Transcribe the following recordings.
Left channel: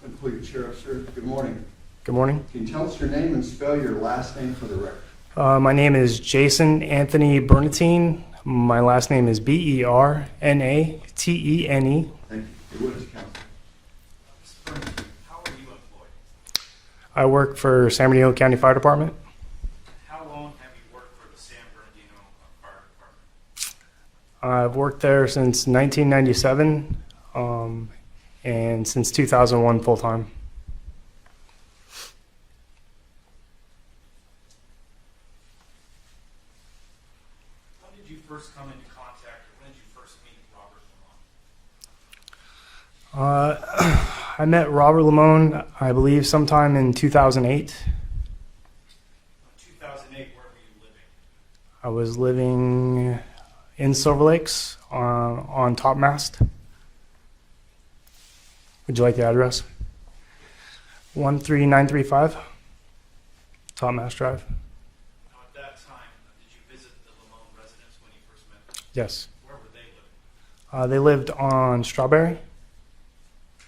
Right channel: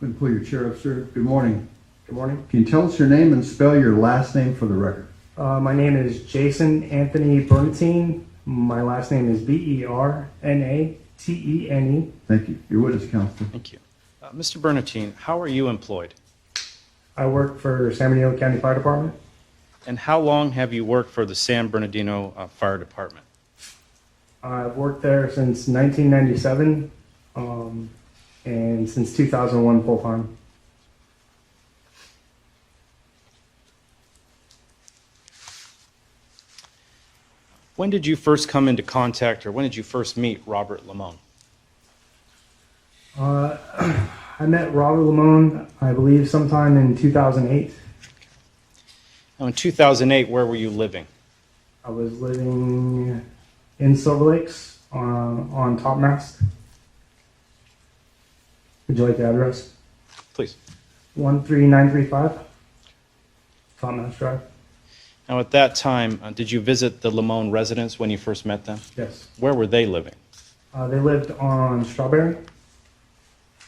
And pull your chair up, sir. Good morning. Good morning. Can you tell us your name and spell your last name for the record? My name is Jason Anthony Bernatene. My last name is Bernatene. Thank you. Your witness, counsel. Thank you. Mr. Bernatene, how are you employed? I work for San Bernardino County Fire Department. And how long have you worked for the San Bernardino Fire Department? I've worked there since 1997 and since 2001 full-time. When did you first come into contact, or when did you first meet Robert Limon? I met Robert Limon, I believe, sometime in 2008. Now, in 2008, where were you living? I was living in Silver Lakes on Topmast. Would you like the address? Please. 13935 Topmast Drive. Now, at that time, did you visit the Limon residence when you first met them? Yes. Where were they living? They lived on Strawberry.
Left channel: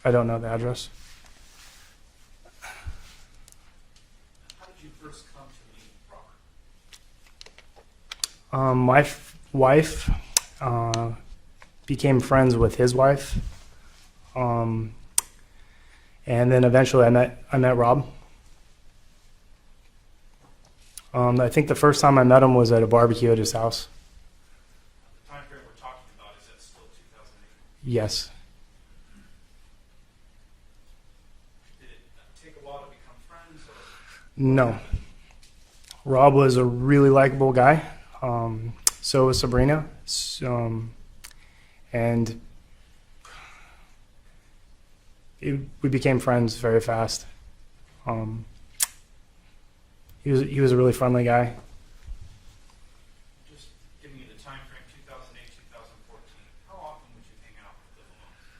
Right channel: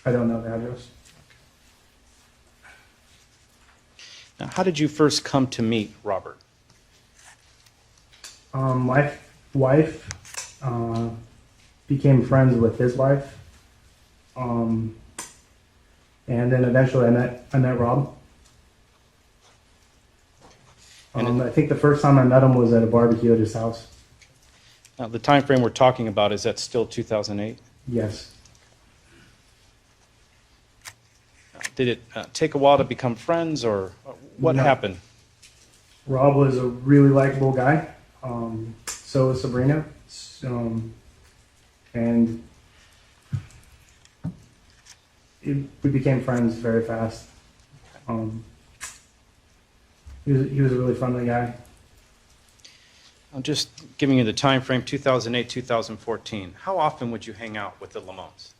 I don't know the address. Now, how did you first come to meet Robert? My wife became friends with his wife, and then eventually I met Rob. I think the first time I met him was at a barbecue at his house. Now, the time frame we're talking about, is that still 2008? Yes. Did it take a while to become friends, or what No. happened? Rob was a really likable guy. So was Sabrina. And we became friends very fast. He was a really friendly guy. I'm just giving you the time frame, 2008, 2014. How often would you hang out with the Limons?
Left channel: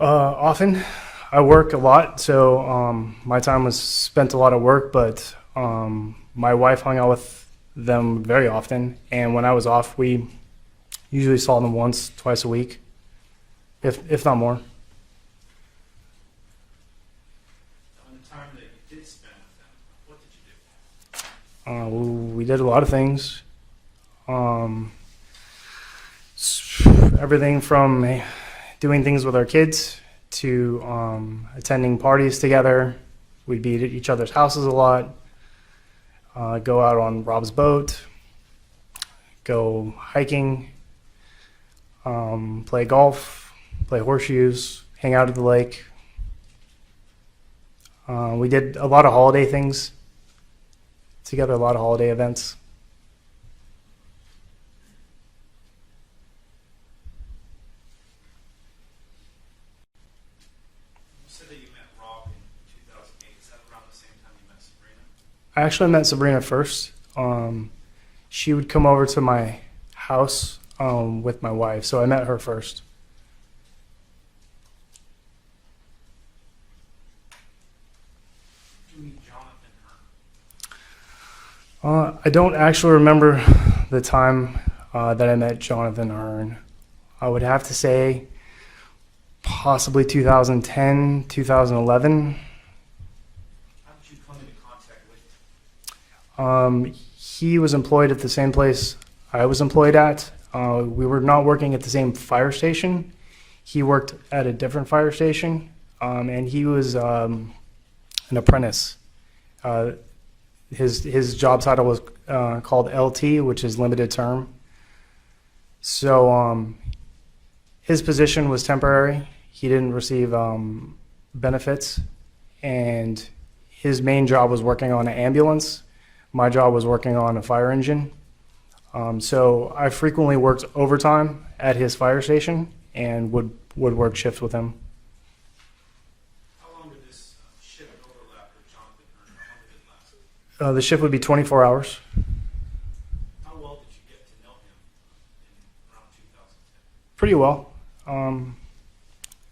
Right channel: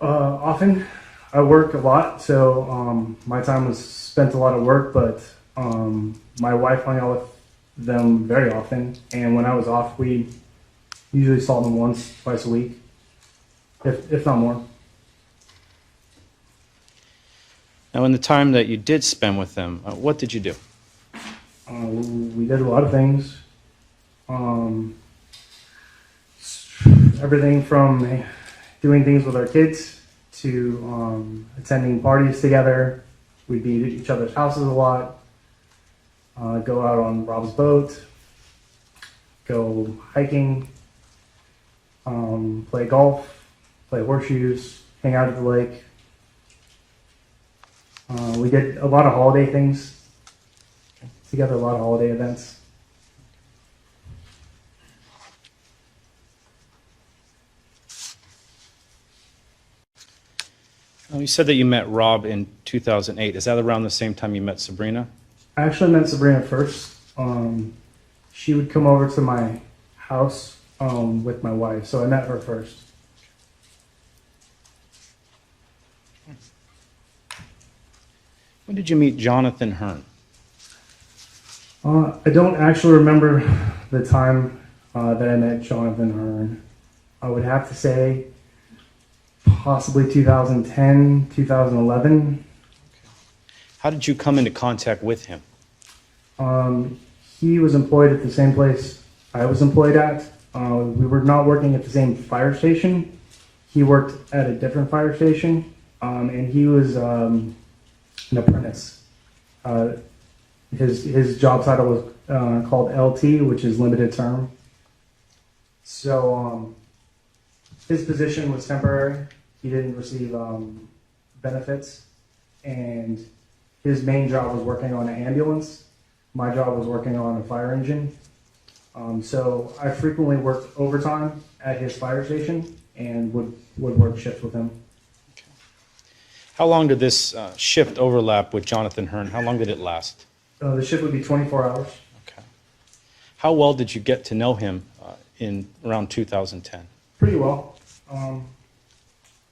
Often. I work a lot, so my time was spent a lot at work, but my wife hung out with them very often, and when I was off, we usually saw them once, twice a week, if not more. Now, in the time that you did spend with them, what did you do? We did a lot of things. Everything from doing things with our kids to attending parties together. We'd be at each other's houses a lot, go out on Rob's boat, go hiking, play golf, play horseshoes, hang out at the lake. We did a lot of holiday things together, a lot of holiday events. You said that you met Rob in 2008. Is that around the same time you met Sabrina? I actually met Sabrina first. She would come over to my house with my wife, so I met her first. When did you meet Jonathan Hearn? I don't actually remember the time that I met Jonathan Hearn. I would have to say possibly 2010, 2011. How did you come into contact with him? He was employed at the same place I was employed at. We were not working at the same fire station. He worked at a different fire station, and he was an apprentice. His job title was called LT, which is limited term. So his position was temporary. He didn't receive benefits, and his main job was working on an ambulance. My job was working on a fire engine. So I frequently worked overtime at his fire station and would work shifts with him. How long did this shift overlap with Jonathan Hearn? How long did it last? The shift would be 24 hours. Okay. How well did you get to know him in around 2010? Pretty well.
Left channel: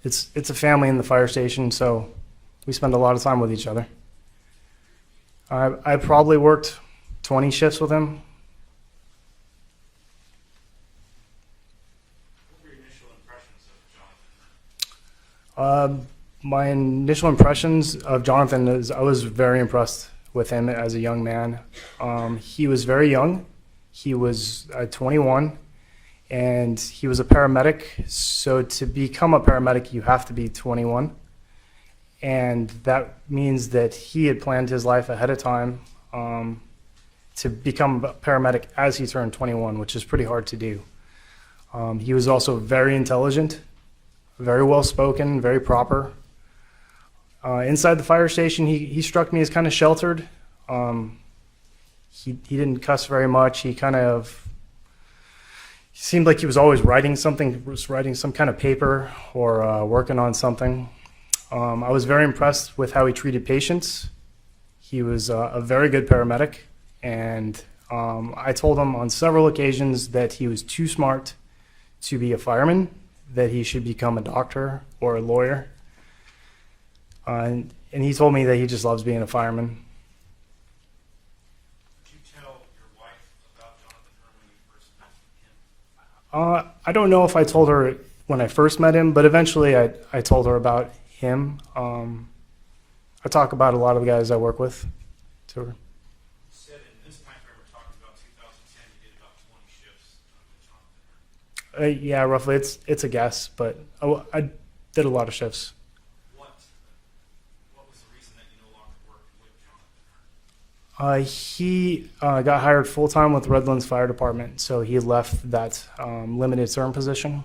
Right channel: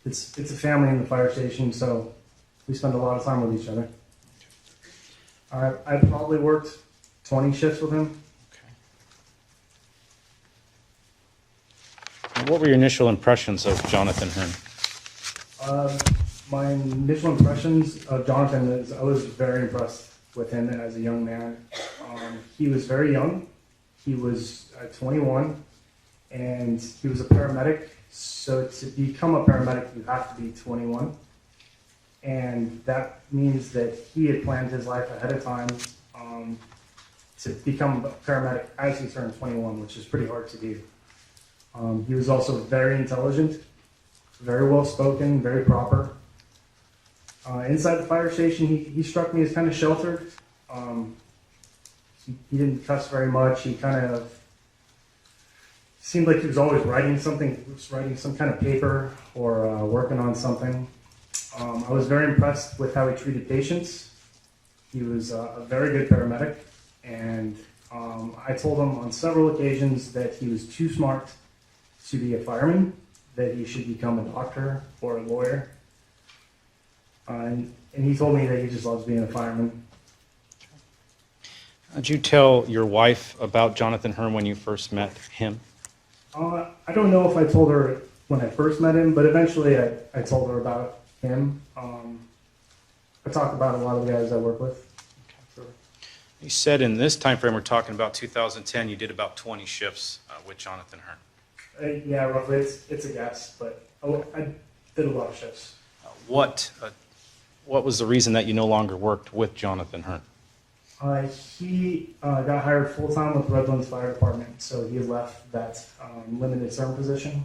It's a family in the fire station, so we spend a lot of time with each other. I probably worked 20 shifts with him. And what were your initial impressions of Jonathan Hearn? My initial impressions of Jonathan is I was very impressed with him as a young man. He was very young. He was 21, and he was a paramedic. So to become a paramedic, you have to be 21. And that means that he had planned his life ahead of time to become a paramedic as he turned 21, which is pretty hard to do. He was also very intelligent, very well spoken, very proper. Inside the fire station, he struck me as kind of sheltered. He didn't cuss very much. He seemed like he was always writing something, was writing some kind of paper or working on something. I was very impressed with how he treated patients. He was a very good paramedic, and I told him on several occasions that he was too smart to be a fireman, that he should become a doctor or a lawyer. And he told me that he just loves being a fireman. Did you tell your wife about Jonathan Hearn when you first met him? I don't know if I told her when I first met him, but eventually I told her about him. I talk about a lot of the guys I work with to her. You said in this time frame, we're talking about 2010, you did about 20 shifts with Jonathan Hearn. Yeah, roughly. It's a guess, but I did a lot of shifts. What was the reason that you no longer worked with Jonathan Hearn? He got hired full-time with Redlands Fire Department, so he left that limited term position.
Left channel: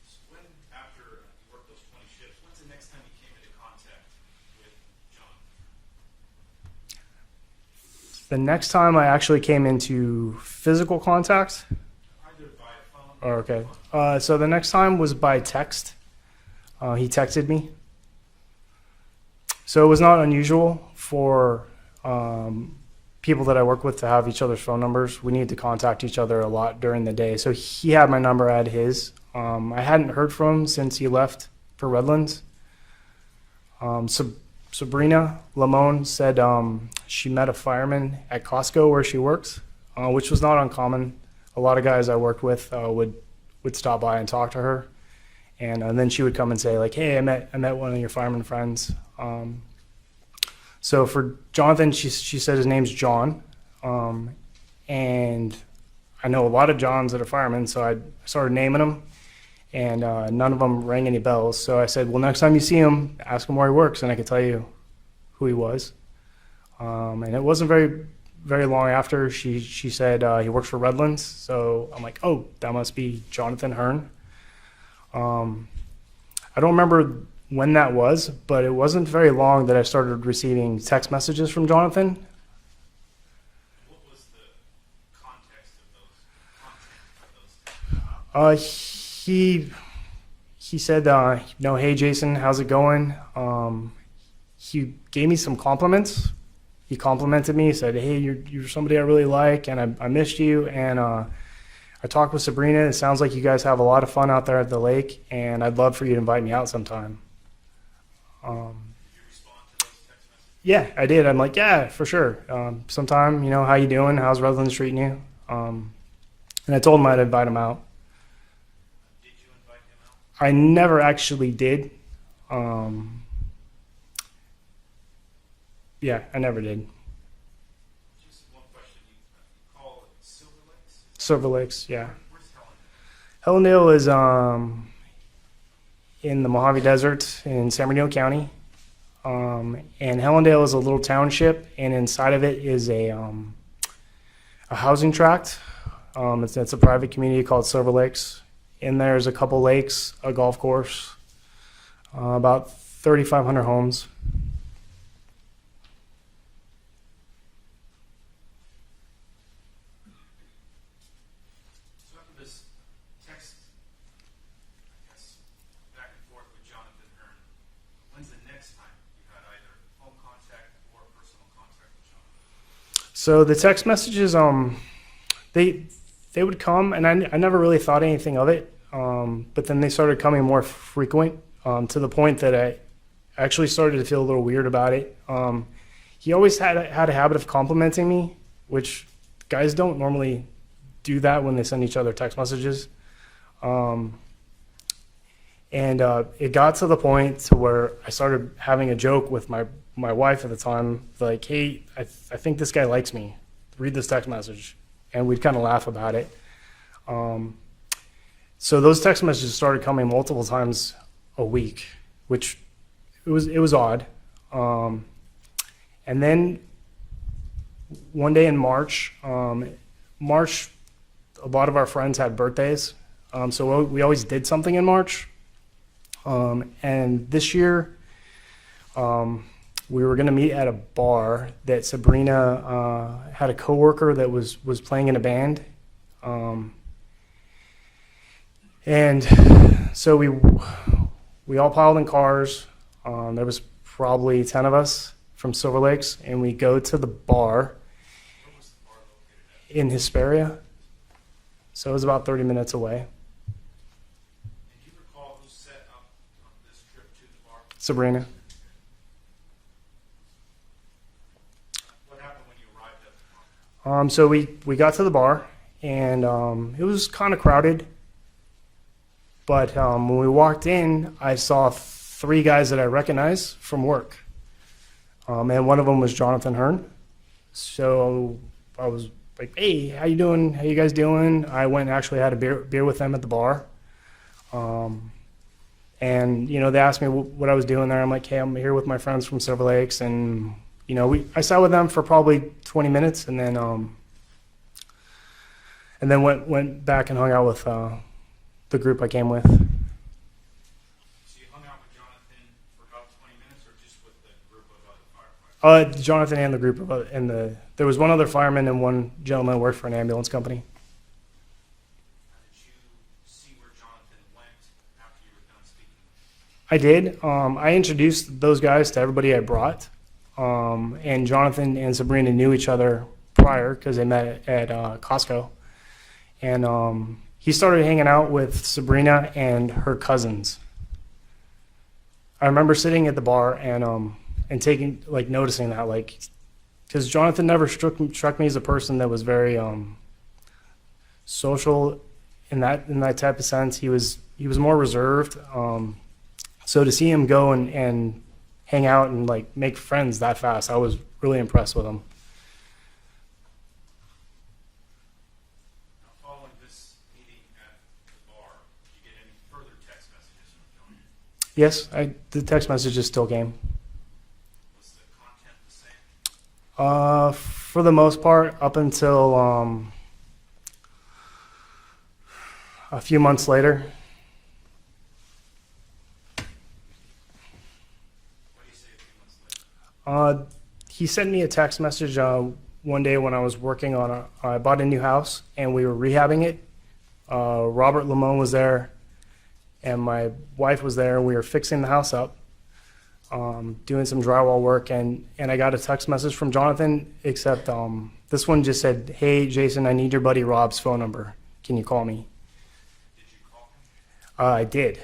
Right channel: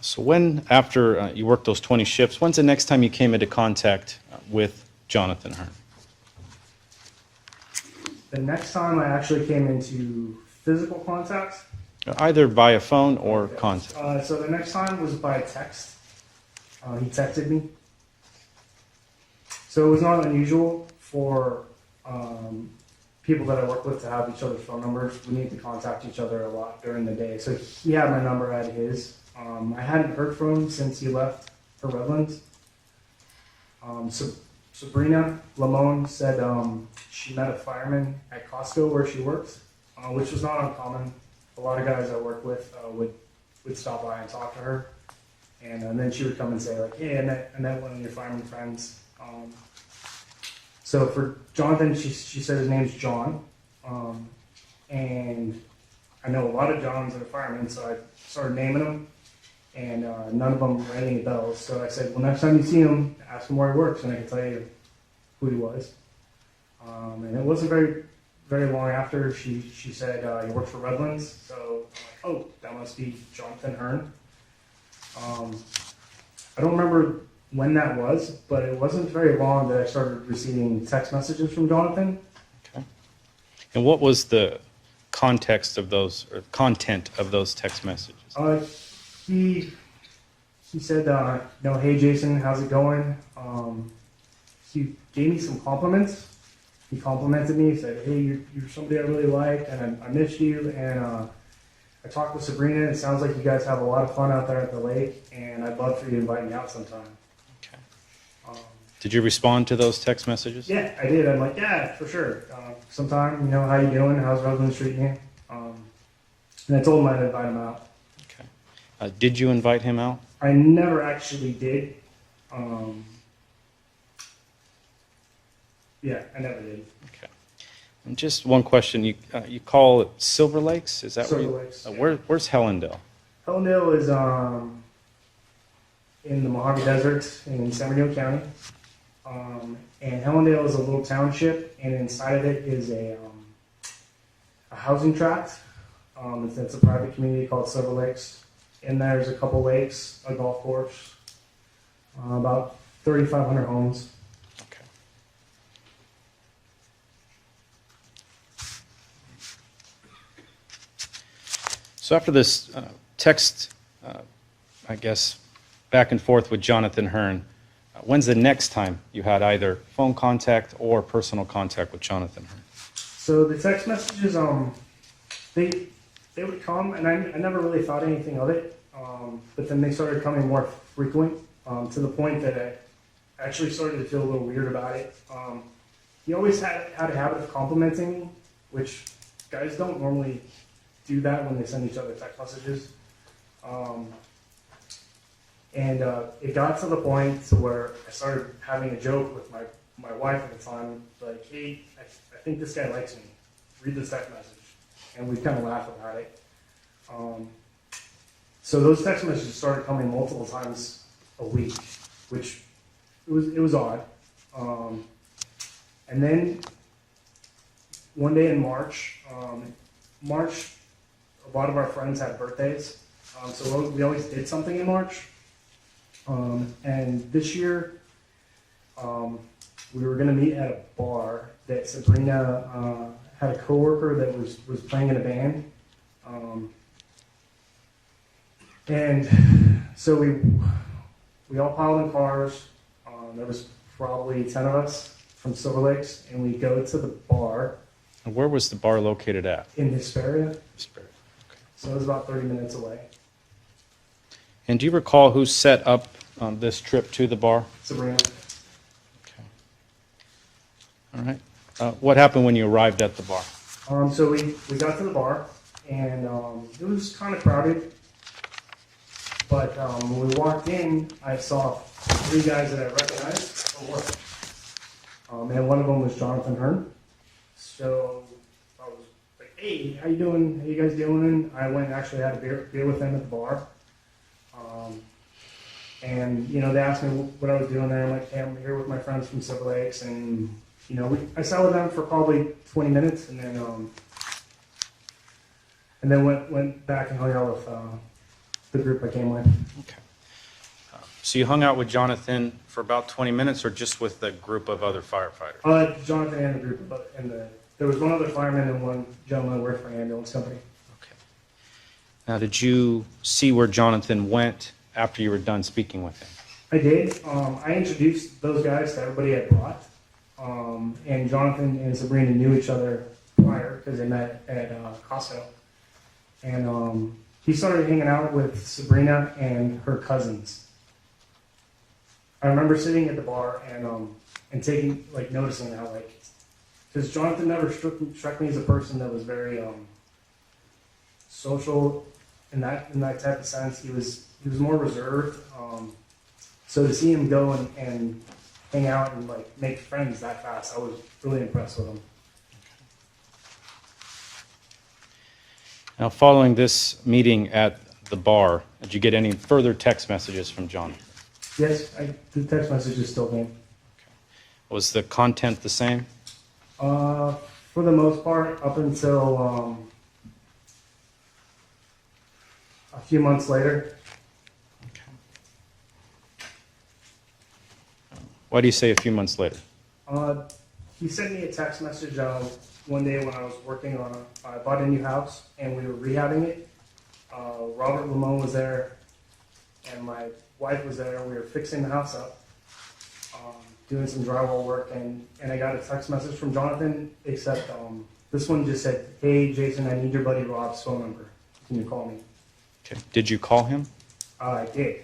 So when, after you worked those 20 shifts, when's the next time you came into contact with Jonathan Hearn? The next time I actually came into physical contact. Either by phone or Okay. contact. So the next time was by text. He texted me. So it was not unusual for people that I work with to have each other's phone numbers. We need to contact each other a lot during the day. So he had my number, I had his. I hadn't heard from him since he left for Redlands. Sabrina Limon said she met a fireman at Costco where she works, which was not uncommon. A lot of guys I worked with would stop by and talk to her, and then she would come and say like, "Hey, I met one of your fireman friends." So for Jonathan, she said his name's John, and I know a lot of Johns that are firemen, so I started naming them, and none of them rang any bells. So I said, "Well, next time you see him, ask him where he works, and I can tell you who he was." And it wasn't very long after she said he works for Redlands. So I'm like, oh, that must be Jonathan Hearn. I don't remember when that was, but it wasn't very long that I started receiving text messages from Jonathan. Okay. And what was the context of those, or content of those text messages? He said, hey Jason, how's it going? He gave me some compliments. He complimented me, said, hey, you're somebody I really like, and I missed you. And I talked with Sabrina. It sounds like you guys have a lot of fun out there at the lake, and I'd love for you to invite me out sometime. Okay. Did you respond to those text messages? Yeah, I did. I'm like, yeah, for sure. Sometime, how you doing? How's Redlands treating you? And I told him I'd invite him out. Okay. Did you invite him out? I never actually did. Yeah, I never did. Okay. And just one question. You call it Silver Lakes? Is that Silver Lakes, yeah. Where's Hellendale? Hellendale is in the Mojave Desert in San Bernardino County. And Hellendale is a little township, and inside of it is a housing tract. It's a private community called Silver Lakes. In there's a couple lakes, a golf course, about 3,500 homes. Okay. So after this text, I guess, back and forth with Jonathan Hearn, when's the next time you had either phone contact or personal contact with Jonathan Hearn? So the text messages, they would come, and I never really thought anything of it. But then they started coming more frequent, to the point that I actually started to feel a little weird about it. He always had a habit of complimenting me, which guys don't normally do that when they send each other text messages. It got to the point to where I started having a joke with my wife at the time, like, hey, I think this guy likes me. Read this text message. And we'd kind of laugh about it. So those text messages started coming multiple times a week, which it was odd. And then one day in March, a lot of our friends had birthdays. So we always did something in March. And this year, we were going to meet at a bar that Sabrina had a coworker that was playing in a band. And so we all piled in cars. There was probably 10 of us from Silver Lakes, and we go to the bar. And where was the bar located at? In Hesperia. Okay. So it was about 30 minutes away. And do you recall who set up this trip to the bar? Sabrina. Okay. All right. What happened when you arrived at the bar? So we got to the bar, and it was kind of crowded. But when we walked in, I saw 3 guys that I recognized from work. And one of them was Jonathan Hearn. So I was like, hey, how you doing? How you guys doing? I went and actually had a beer with them at the bar. And, you know, they asked me what I was doing there. I'm like, hey, I'm here with my friends from Silver Lakes. And, you know, I sat with them for probably 20 minutes and then went back and hung out with the group I came with. Okay. So you hung out with Jonathan for about 20 minutes or just with the group of other firefighters? Jonathan and the group of there was one other fireman and one gentleman that worked for an ambulance company. Okay. Now, did you see where Jonathan went after you were done speaking with him? I did. I introduced those guys to everybody I brought. And Jonathan and Sabrina knew each other prior because they met at Costco. And he started hanging out with Sabrina and her cousins. I remember sitting at the bar and noticing that, like, because Jonathan never struck me as a person that was very social in that type of sense. He was more reserved. So to see him go and hang out and like make friends that fast, I was really impressed with him. Now, following this meeting at the bar, did you get any further text messages from Jonathan? Yes, the text messages still came. Was the content the same? For the most part, up until a few months later. Why do you say a few months later? He sent me a text message one day when I was working on I bought a new house and we were rehabbing it. Robert Limon was there and my wife was there. We were fixing the house up, doing some drywall work, and I got a text message from Jonathan, except this one just said, hey, Jason, I need your buddy Rob's phone number. Can you call me? Okay. Did you call him? I did.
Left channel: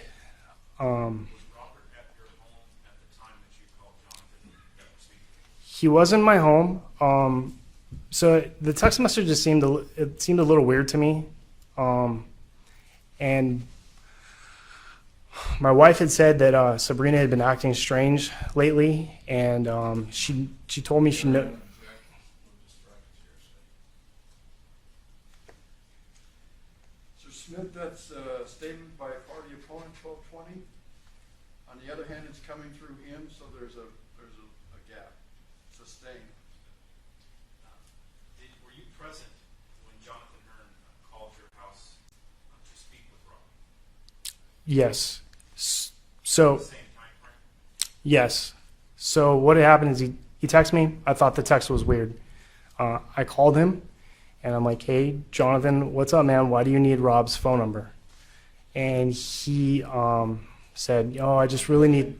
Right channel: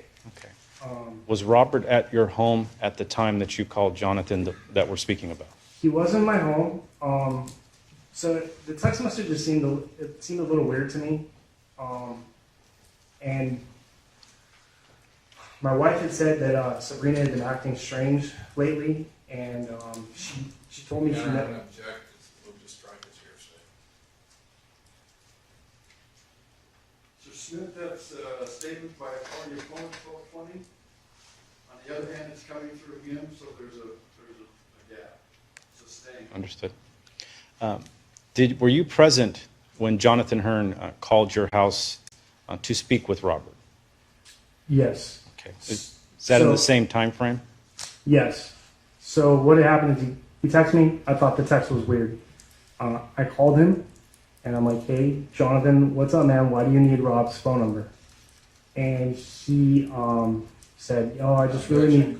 Okay. Was Robert at your home at the time that you called Jonathan that we're speaking about? He was in my home. So the text messages seemed a little weird to me. And my wife had said that Sabrina had been acting strange lately, and she told me she knew. So Smith, that's a statement by a party opponent, 1220. On the other hand, it's coming through him, so there's a gap. It's a stain. Understood. Were you present when Jonathan Hearn called your house to speak with Robert? Yes. Okay. Is that in the same time frame? Yes. So what had happened is he texted me. I thought the text was weird. I called him, and I'm like, hey, Jonathan, what's up, man? Why do you need Rob's phone number? And he said, oh, I just really need...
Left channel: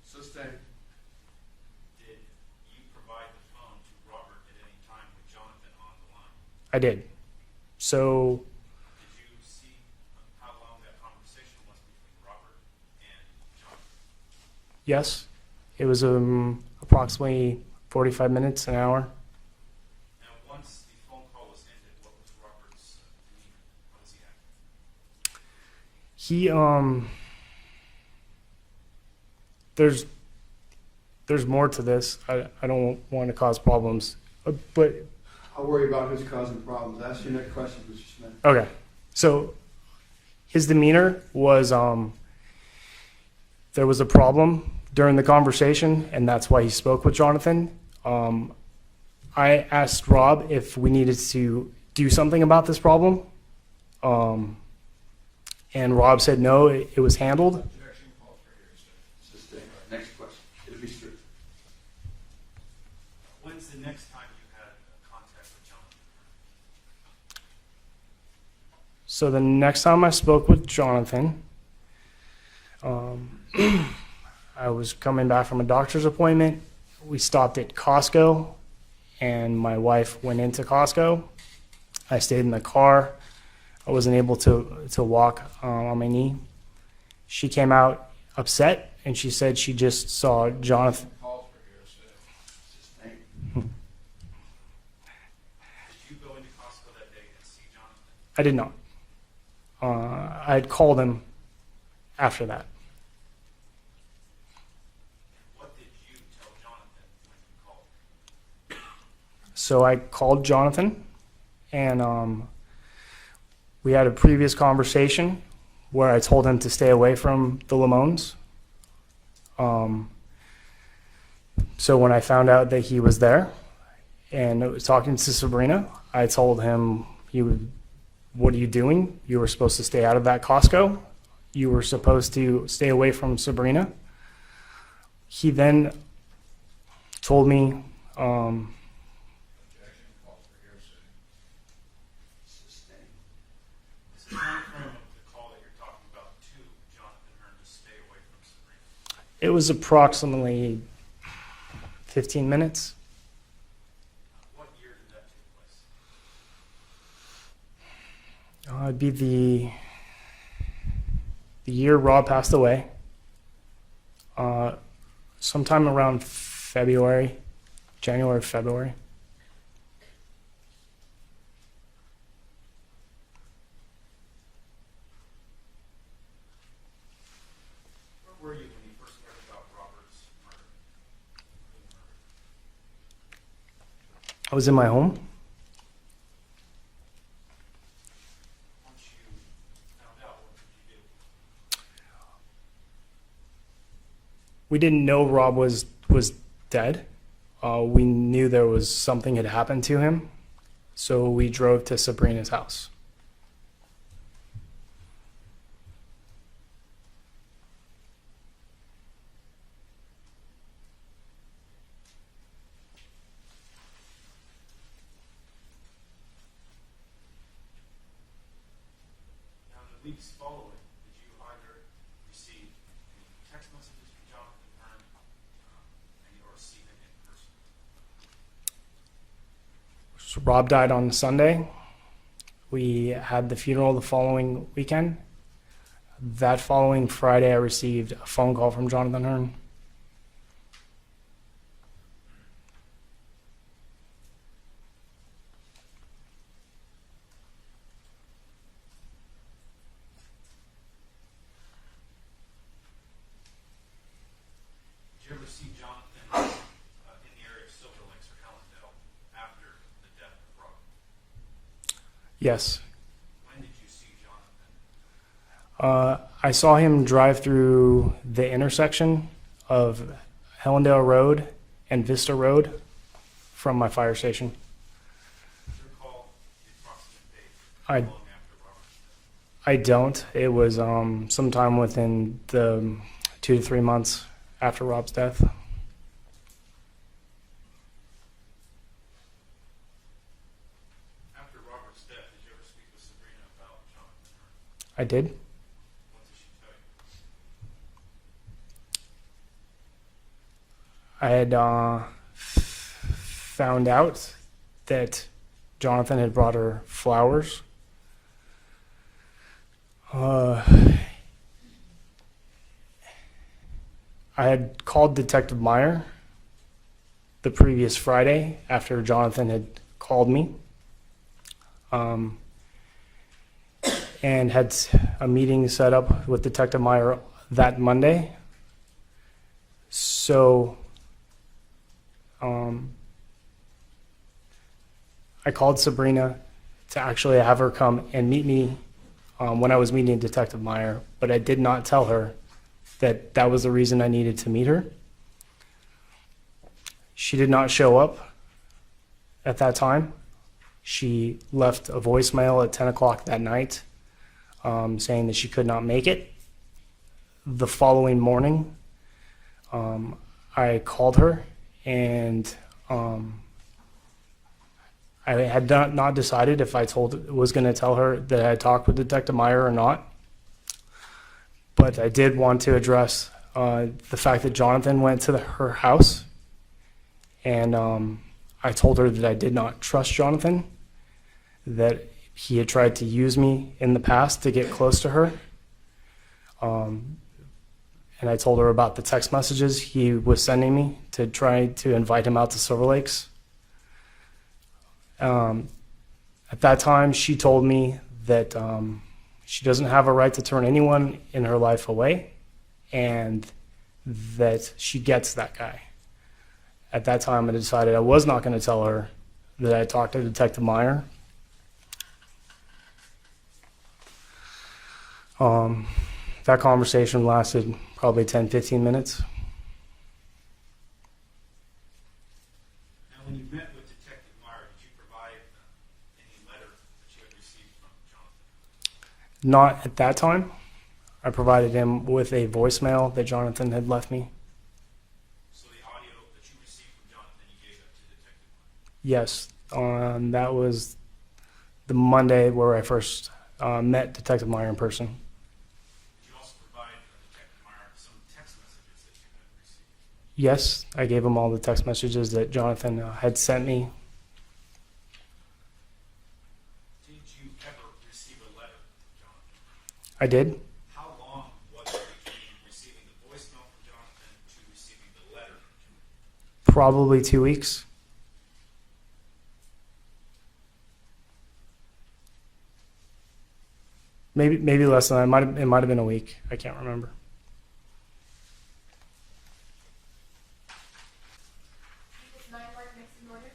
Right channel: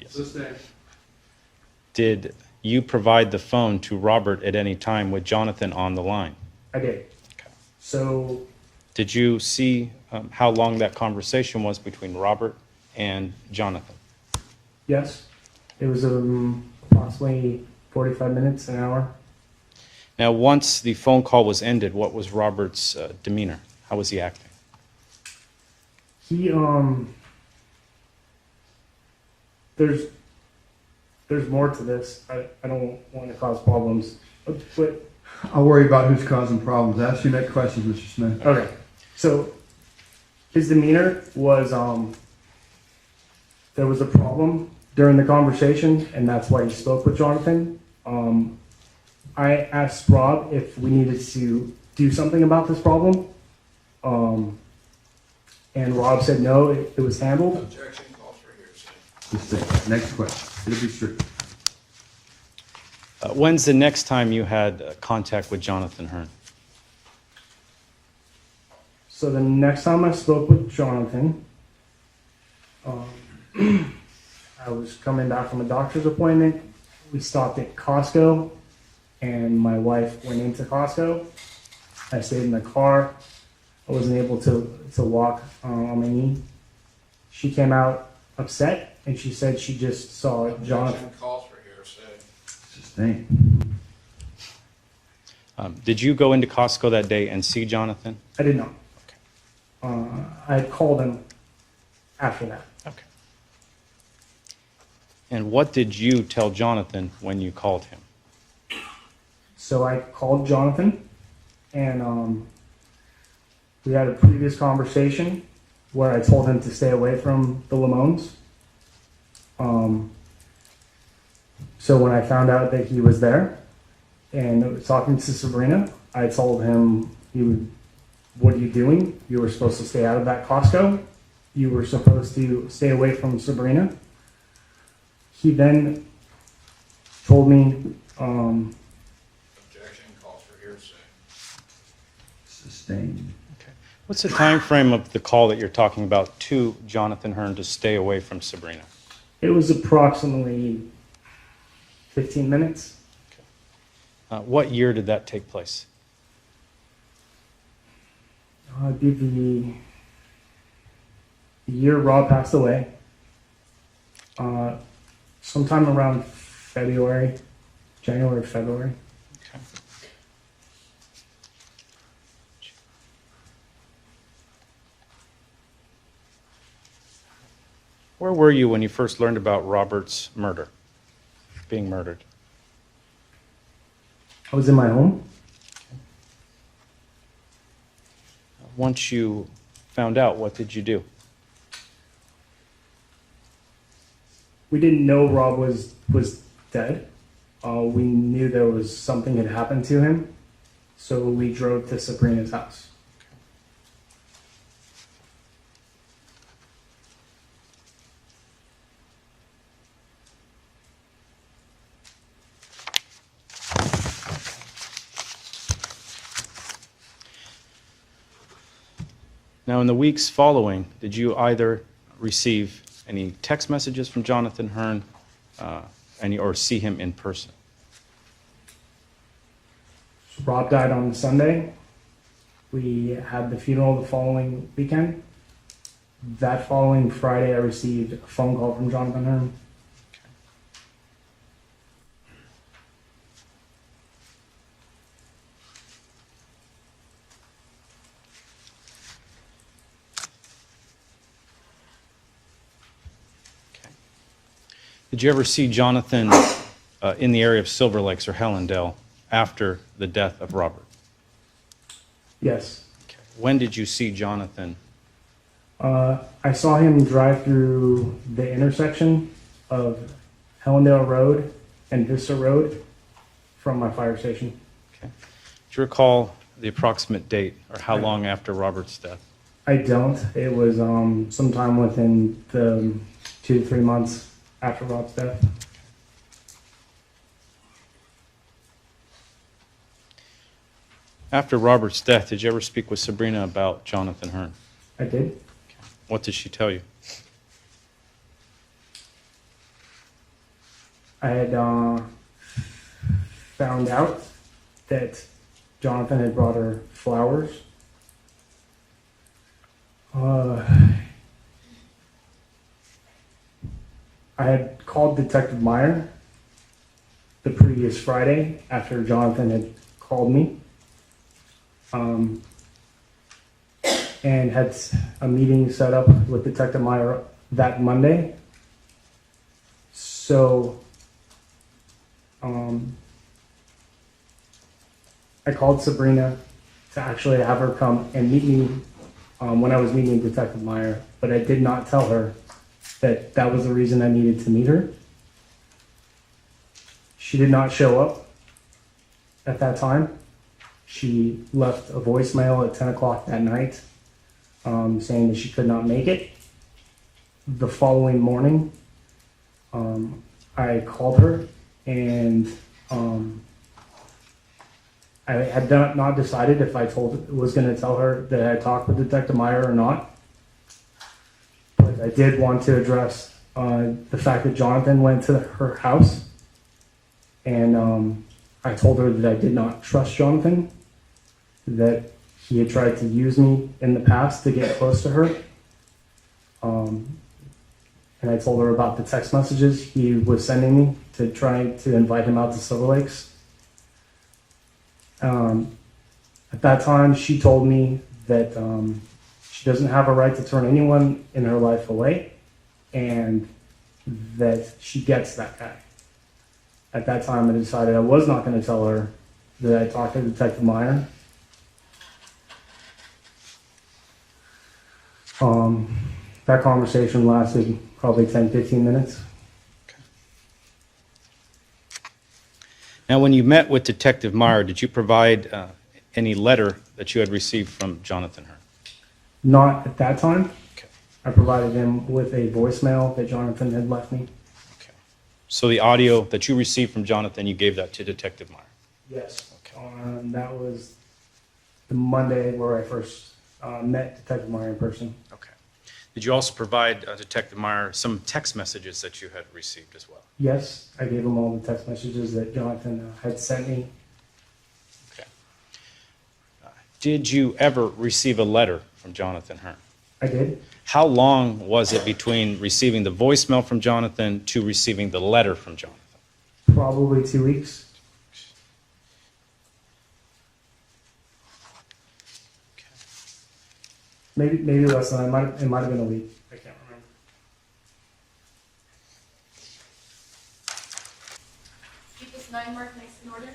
Yes. Did you provide the phone to Robert at any time with Jonathan on the line? I did. Okay. So... Did you see how long that conversation was between Robert and Jonathan? Yes. It was approximately 45 minutes, an hour. Now, once the phone call was ended, what was Robert's demeanor? How was he acting? He there's more to this. I don't want to cause problems, but I'll worry about who's causing problems. Ask your next question, Mr. Smith. okay. So his demeanor was there was a problem during the conversation, and that's why he spoke with Jonathan. I asked Rob if we needed to do something about this problem, and Rob said no, it was handled. Objection calls for hearsay. Just say, next question. It'll be strict. When's the next time you had contact with Jonathan Hearn? So the next time I spoke with Jonathan, I was coming back from a doctor's appointment. We stopped at Costco, and my wife went into Costco. I stayed in the car. I wasn't able to walk on my knee. She came out upset, and she said she just saw Jonathan. Objection calls for hearsay. Sustain. Did you go into Costco that day and see Jonathan? I did not. I had called him after that. Okay. And what did you tell Jonathan when you called him? So I called Jonathan, and we had a previous conversation where I told him to stay away from the Limons. So when I found out that he was there and I was talking to Sabrina, I told him, what are you doing? You were supposed to stay out of that Costco. You were supposed to stay away from Sabrina. He then told me, Objection calls for hearsay. Sustain. What's the time frame of the call that you're talking about to Jonathan Hearn to stay away from Sabrina? it was approximately 15 minutes. What year did that take place? It'd be the year Rob passed away. Sometime around February, January, February. Okay. Where were you when you first learned about Robert's murder, being murdered? I was in my home. Once you found out, what did you do? We didn't know Rob was dead. We knew there was something had happened to him, so we drove to Sabrina's house. Now, in the weeks following, did you either receive any text messages from Jonathan Hearn or see him in person? So Rob died on Sunday. We had the funeral the following weekend. That following Friday, I received a phone call from Jonathan Hearn. Did you ever see Jonathan in the area of Silver Lakes or Hellendale after the death of Robert? Yes. Okay. When did you see Jonathan? I saw him drive through the intersection of Hellendale Road and Vista Road from my fire station. Okay. Do you recall the approximate date or how I- long after Robert's death? I don't. It was sometime within the 2 to 3 months after Rob's death. After Robert's death, did you ever speak with Sabrina about Jonathan Hearn? I did. What did she tell you? I had found out that Jonathan had brought her flowers. I had called Detective Meyer the previous Friday after Jonathan had called me and had a meeting set up with Detective Meyer that Monday. So I called Sabrina to actually have her come and meet me when I was meeting Detective Meyer, but I did not tell her that that was the reason I needed to meet her. She did not show up at that time. She left a voicemail at 10 o'clock that night saying that she could not make it. The following morning, I called her and I had not decided if I was going to tell her that I had talked with Detective Meyer or not. But I did want to address the fact that Jonathan went to her house, and I told her that I did not trust Jonathan, that he had tried to use me in the past to get close to her. And I told her about the text messages he was sending me to try to invite him out to Silver Lakes. At that time, she told me that she doesn't have a right to turn anyone in her life away, and that she gets that guy. At that time, I decided I was not going to tell her that I talked to Detective Meyer. That conversation lasted probably 10-15 minutes. Now, when you met with Detective Meyer, did you provide any letter that you had received from Jonathan Hearn? Not at that time. Okay. I provided him with a voicemail that Jonathan had left me. Okay. So the audio that you received from Jonathan, you gave that to Detective Meyer? Yes. That was the Monday where I first met Detective Meyer in person. Okay. Did you also provide Detective Meyer some text messages that you had received as well? Yes, I gave him all the text messages that Jonathan had sent me. Okay. Did you ever receive a letter from Jonathan Hearn? I did. How long was it between receiving the voicemail from Jonathan to receiving the letter from Jonathan? Probably 2 weeks. Maybe less than that. It might have been a week. I can't remember. People's 9 mark next in order.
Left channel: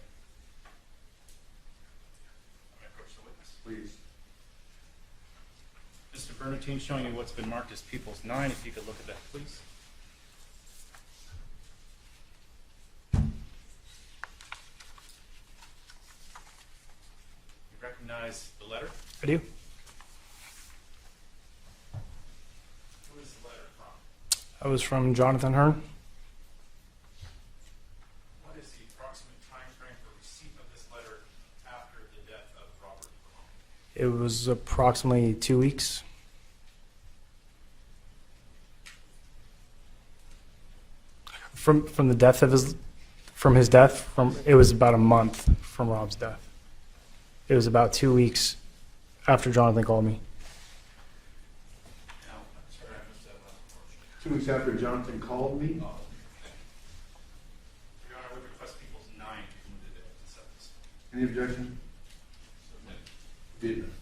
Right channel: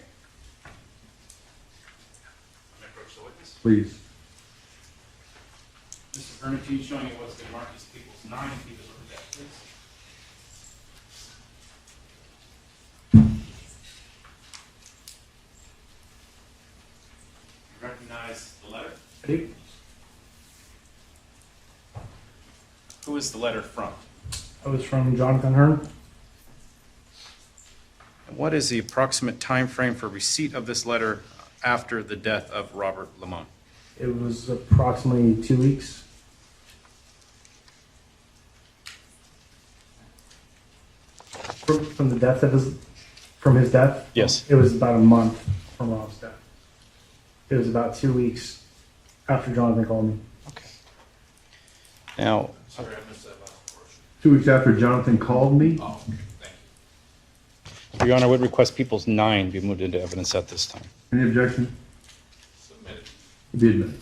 Approach the witness. Please. Mr. Bernatene, showing me what's been marked as People's 9, if you could look at that, please. You recognize the letter? I do. Who is the letter from? I was from Jonathan Hearn. And what is the approximate time frame for receipt of this letter after the death of Robert Limon? It was approximately 2 weeks. From the death of his death? Yes. It was about a month from Rob's death. It was about 2 weeks after Jonathan called me. Now, Sorry, I missed that last portion. 2 weeks after Jonathan called me? Oh, okay, thank you. Your Honor, I would request People's 9 be moved into evidence at this time. Any objection? Submitted. Be admitted.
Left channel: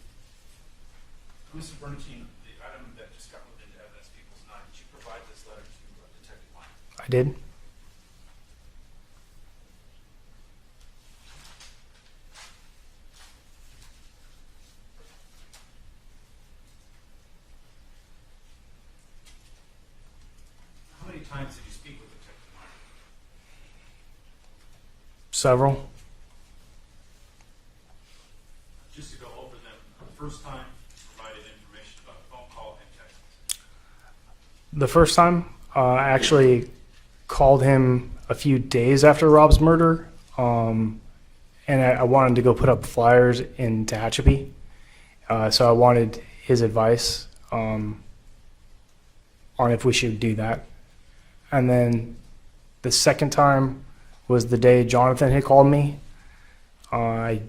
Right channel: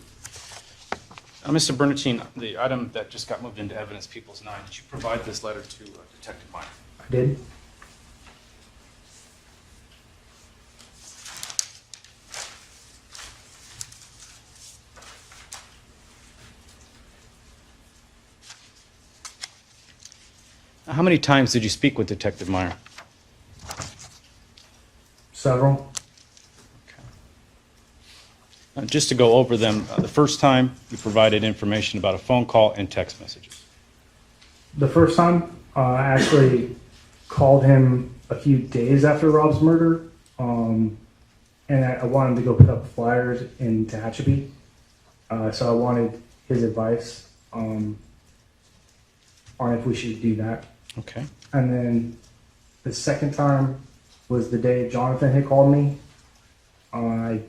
Mr. Bernatene, the item that just got moved into evidence, People's 9, did you provide this letter to Detective Meyer? I did. How many times did you speak with Detective Meyer? Several. Just to go over them, the first time you provided information about a phone call and text messages. The first time, I actually called him a few days after Rob's murder, and I wanted to go put up flyers in Tehachapi. So I wanted his advice on if we should do that. Okay. And then the second time was the day Jonathan had called me. I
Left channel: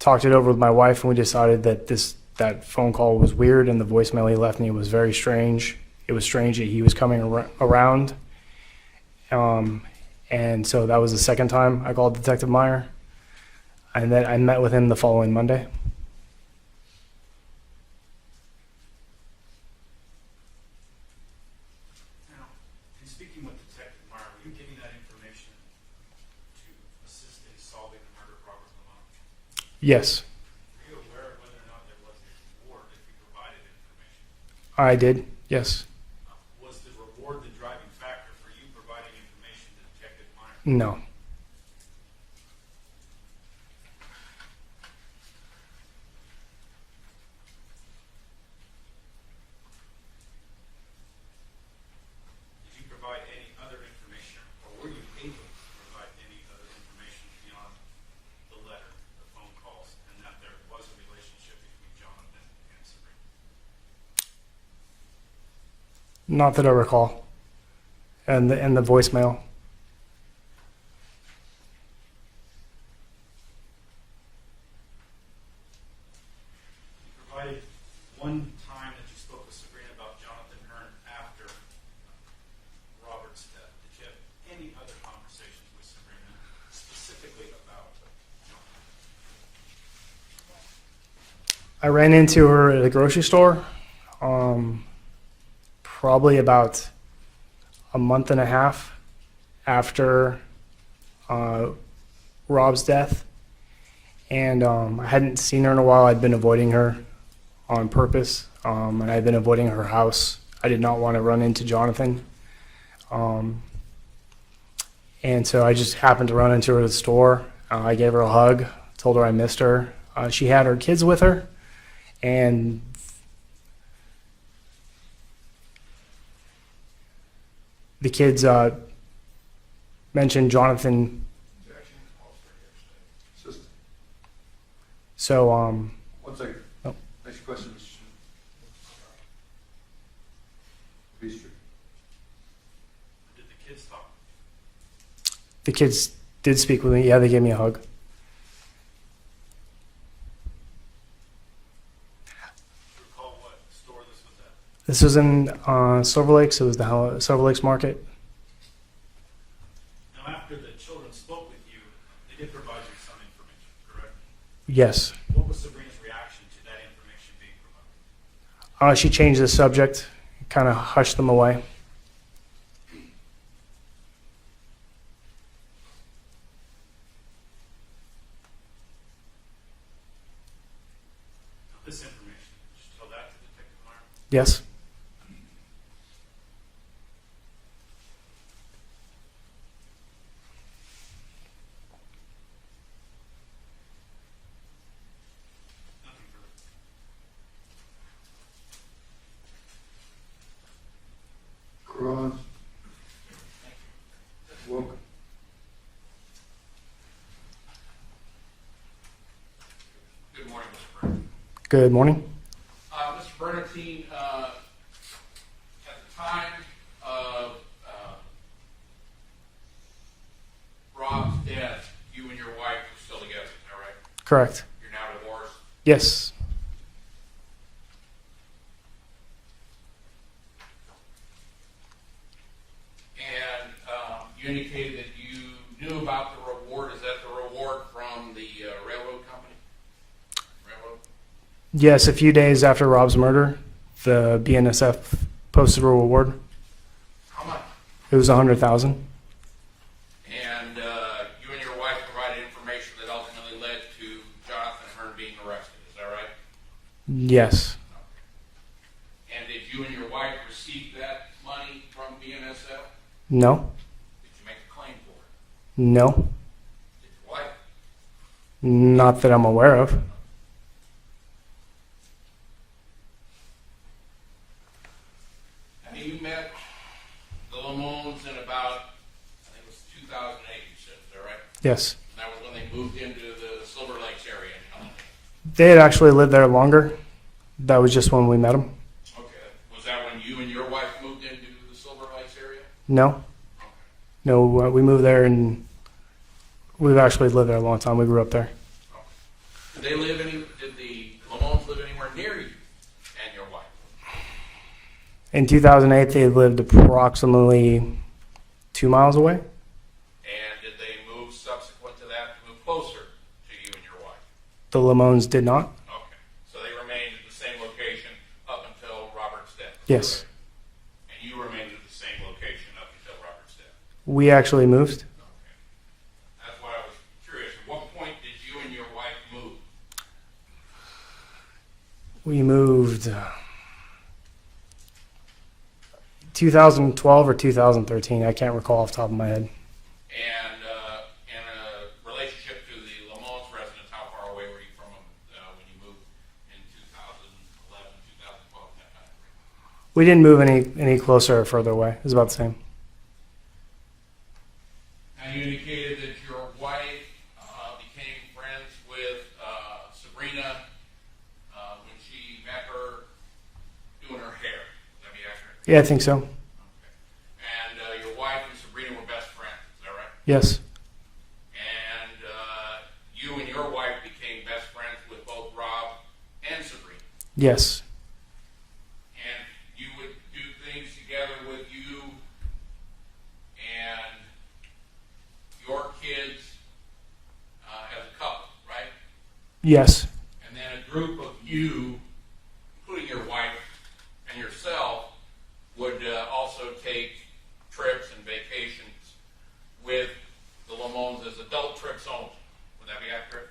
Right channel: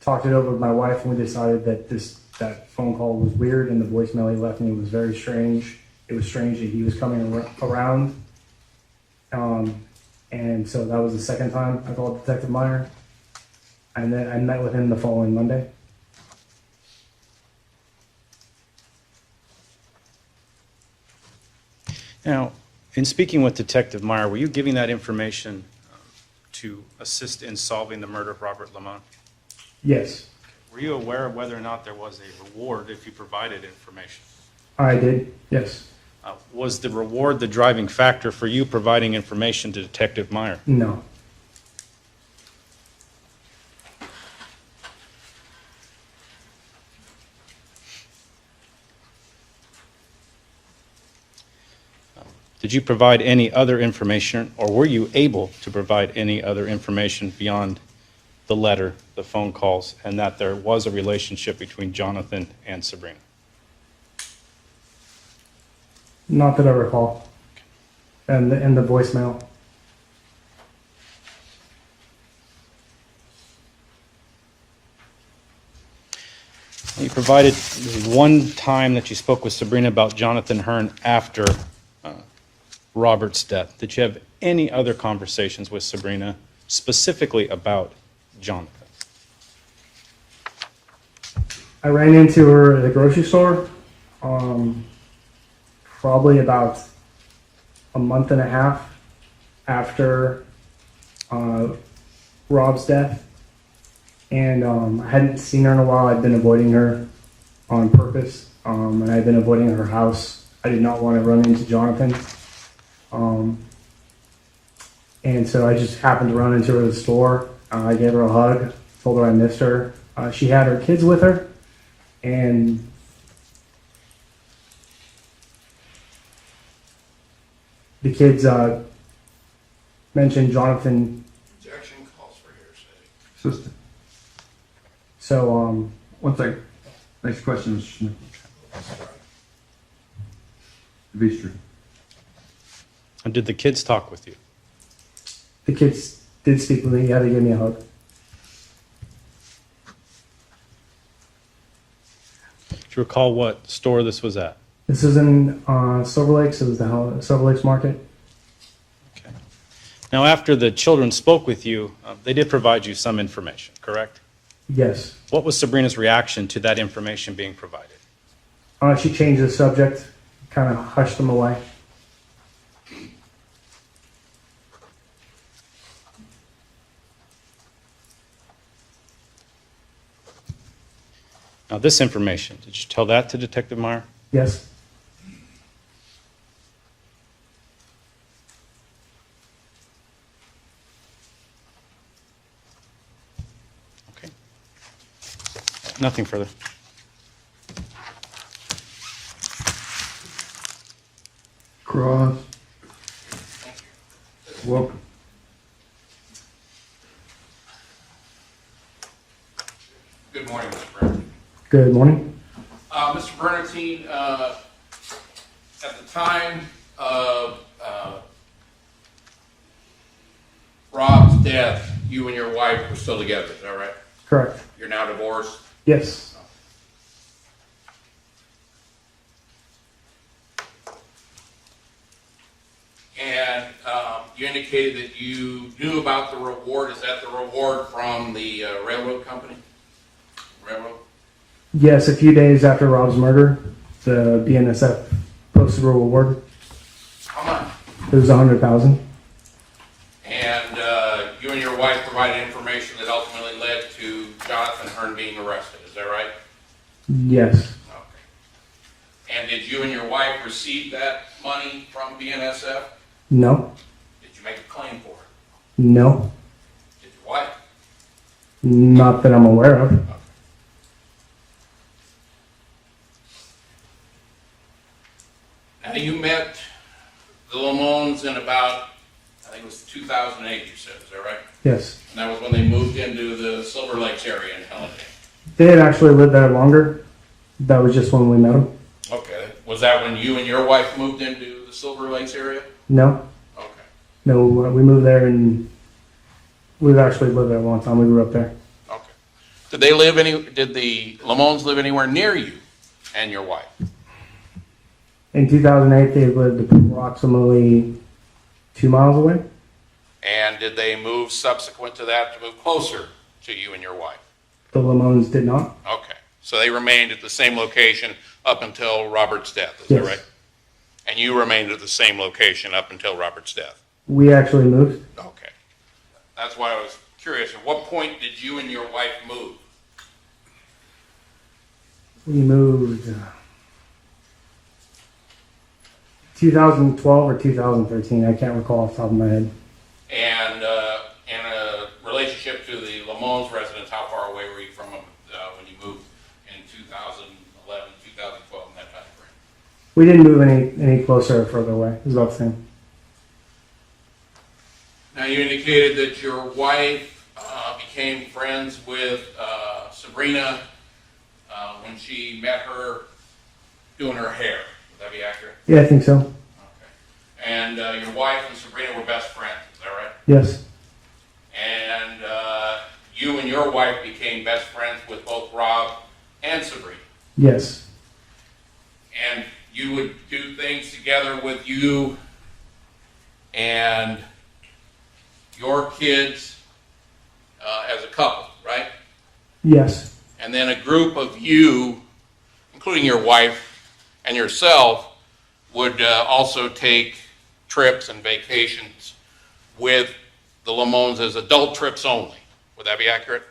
talked it over with my wife, and we decided that that phone call was weird, and the voicemail he left me was very strange. It was strange that he was coming around. And so that was the second time I called Detective Meyer. And then I met with him the following Monday. Now, in speaking with Detective Meyer, were you giving that information to assist in solving the murder of Robert Limon? Yes, Were you aware of whether or not there was a reward if you provided information? I did. Yes. Was the reward the driving factor for you providing information to Detective Meyer? No. Did you provide any other information, or were you able to provide any other information beyond the letter, the phone calls, and that there was a relationship between Jonathan and Sabrina? Not that I recall. And the voicemail. You provided one time that you spoke with Sabrina about Jonathan Hearn after Robert's death. Did you have any other conversations with Sabrina specifically about Jonathan? I ran into her at a grocery store probably about a month and a half after Rob's death. And I hadn't seen her in a while. I'd been avoiding her on purpose, and I'd been avoiding her house. I did not want to run into Jonathan. And so I just happened to run into her at the store. I gave her a hug, told her I missed her. She had her kids with her, and the kids mentioned Jonathan. Objection calls for hearsay. Assistant. So, One second. Next question, Mr. Smith. Beaster. And did the kids talk with you? the kids did speak with me. Yeah, they gave me a hug. Do you recall what store this was at? This was in Silver Lakes. It was the Silver Lakes Market. Okay. Now, after the children spoke with you, they did provide you some information, correct? Yes. What was Sabrina's reaction to that information being provided? She changed the subject, kind of hushed them away. Now, this information, did you tell that to Detective Meyer? Yes. Okay. Nothing further. Cross. Welcome. Good morning, Mr. Bernatene. Good morning. Mr. Bernatene, at the time of Rob's death, you and your wife were still together, is that right? Correct. You're now divorced? Yes. And you indicated that you knew about the reward. Is that the reward from the railroad company? Railroad? Yes, a few days after Rob's murder, the BNSF posted a reward. How much? It was $100,000. And you and your wife provided information that ultimately led to Jonathan Hearn being arrested, is that right? Yes. Okay. And did you and your wife receive that money from BNSF? No. Did you make a claim for it? No. Did your wife? Not that I'm aware of. Okay. Now, you met the Limons in about, I think it was 2008, you said, is that right? Yes. And that was when they moved into the Silver Lakes area in Helen. They had actually lived there longer. That was just when we met them. Okay. Was that when you and your wife moved into the Silver Lakes area? No. Okay. No, we moved there and we've actually lived there a long time. We grew up there. Okay. Did the Limons live anywhere near you and your wife? In 2008, they lived approximately 2 miles away. And did they move subsequent to that to move closer to you and your wife? The Limons did not. Okay, so they remained at the same location up until Robert's death, is that Yes. right? And you remained at the same location up until Robert's death? We actually moved. Okay. That's why I was curious. At what point did you and your wife move? We moved 2012 or 2013. I can't recall off the top of my head. And in a relationship to the Limons residence, how far away were you from them when you moved in 2011, 2012, in that time frame? We didn't move any closer or further away. It was about the same. Now, you indicated that your wife became friends with Sabrina when she met her doing her hair. Would that be accurate? Yeah, I think so. Okay. And your wife and Sabrina were best friends, is that right? Yes. And you and your wife became best friends with both Rob and Sabrina. Yes. And you would do things together with you and your kids as a couple, right? Yes. And then a group of you, including your wife and yourself, would also take trips and vacations with the Limons as adult trips only. Would that be accurate?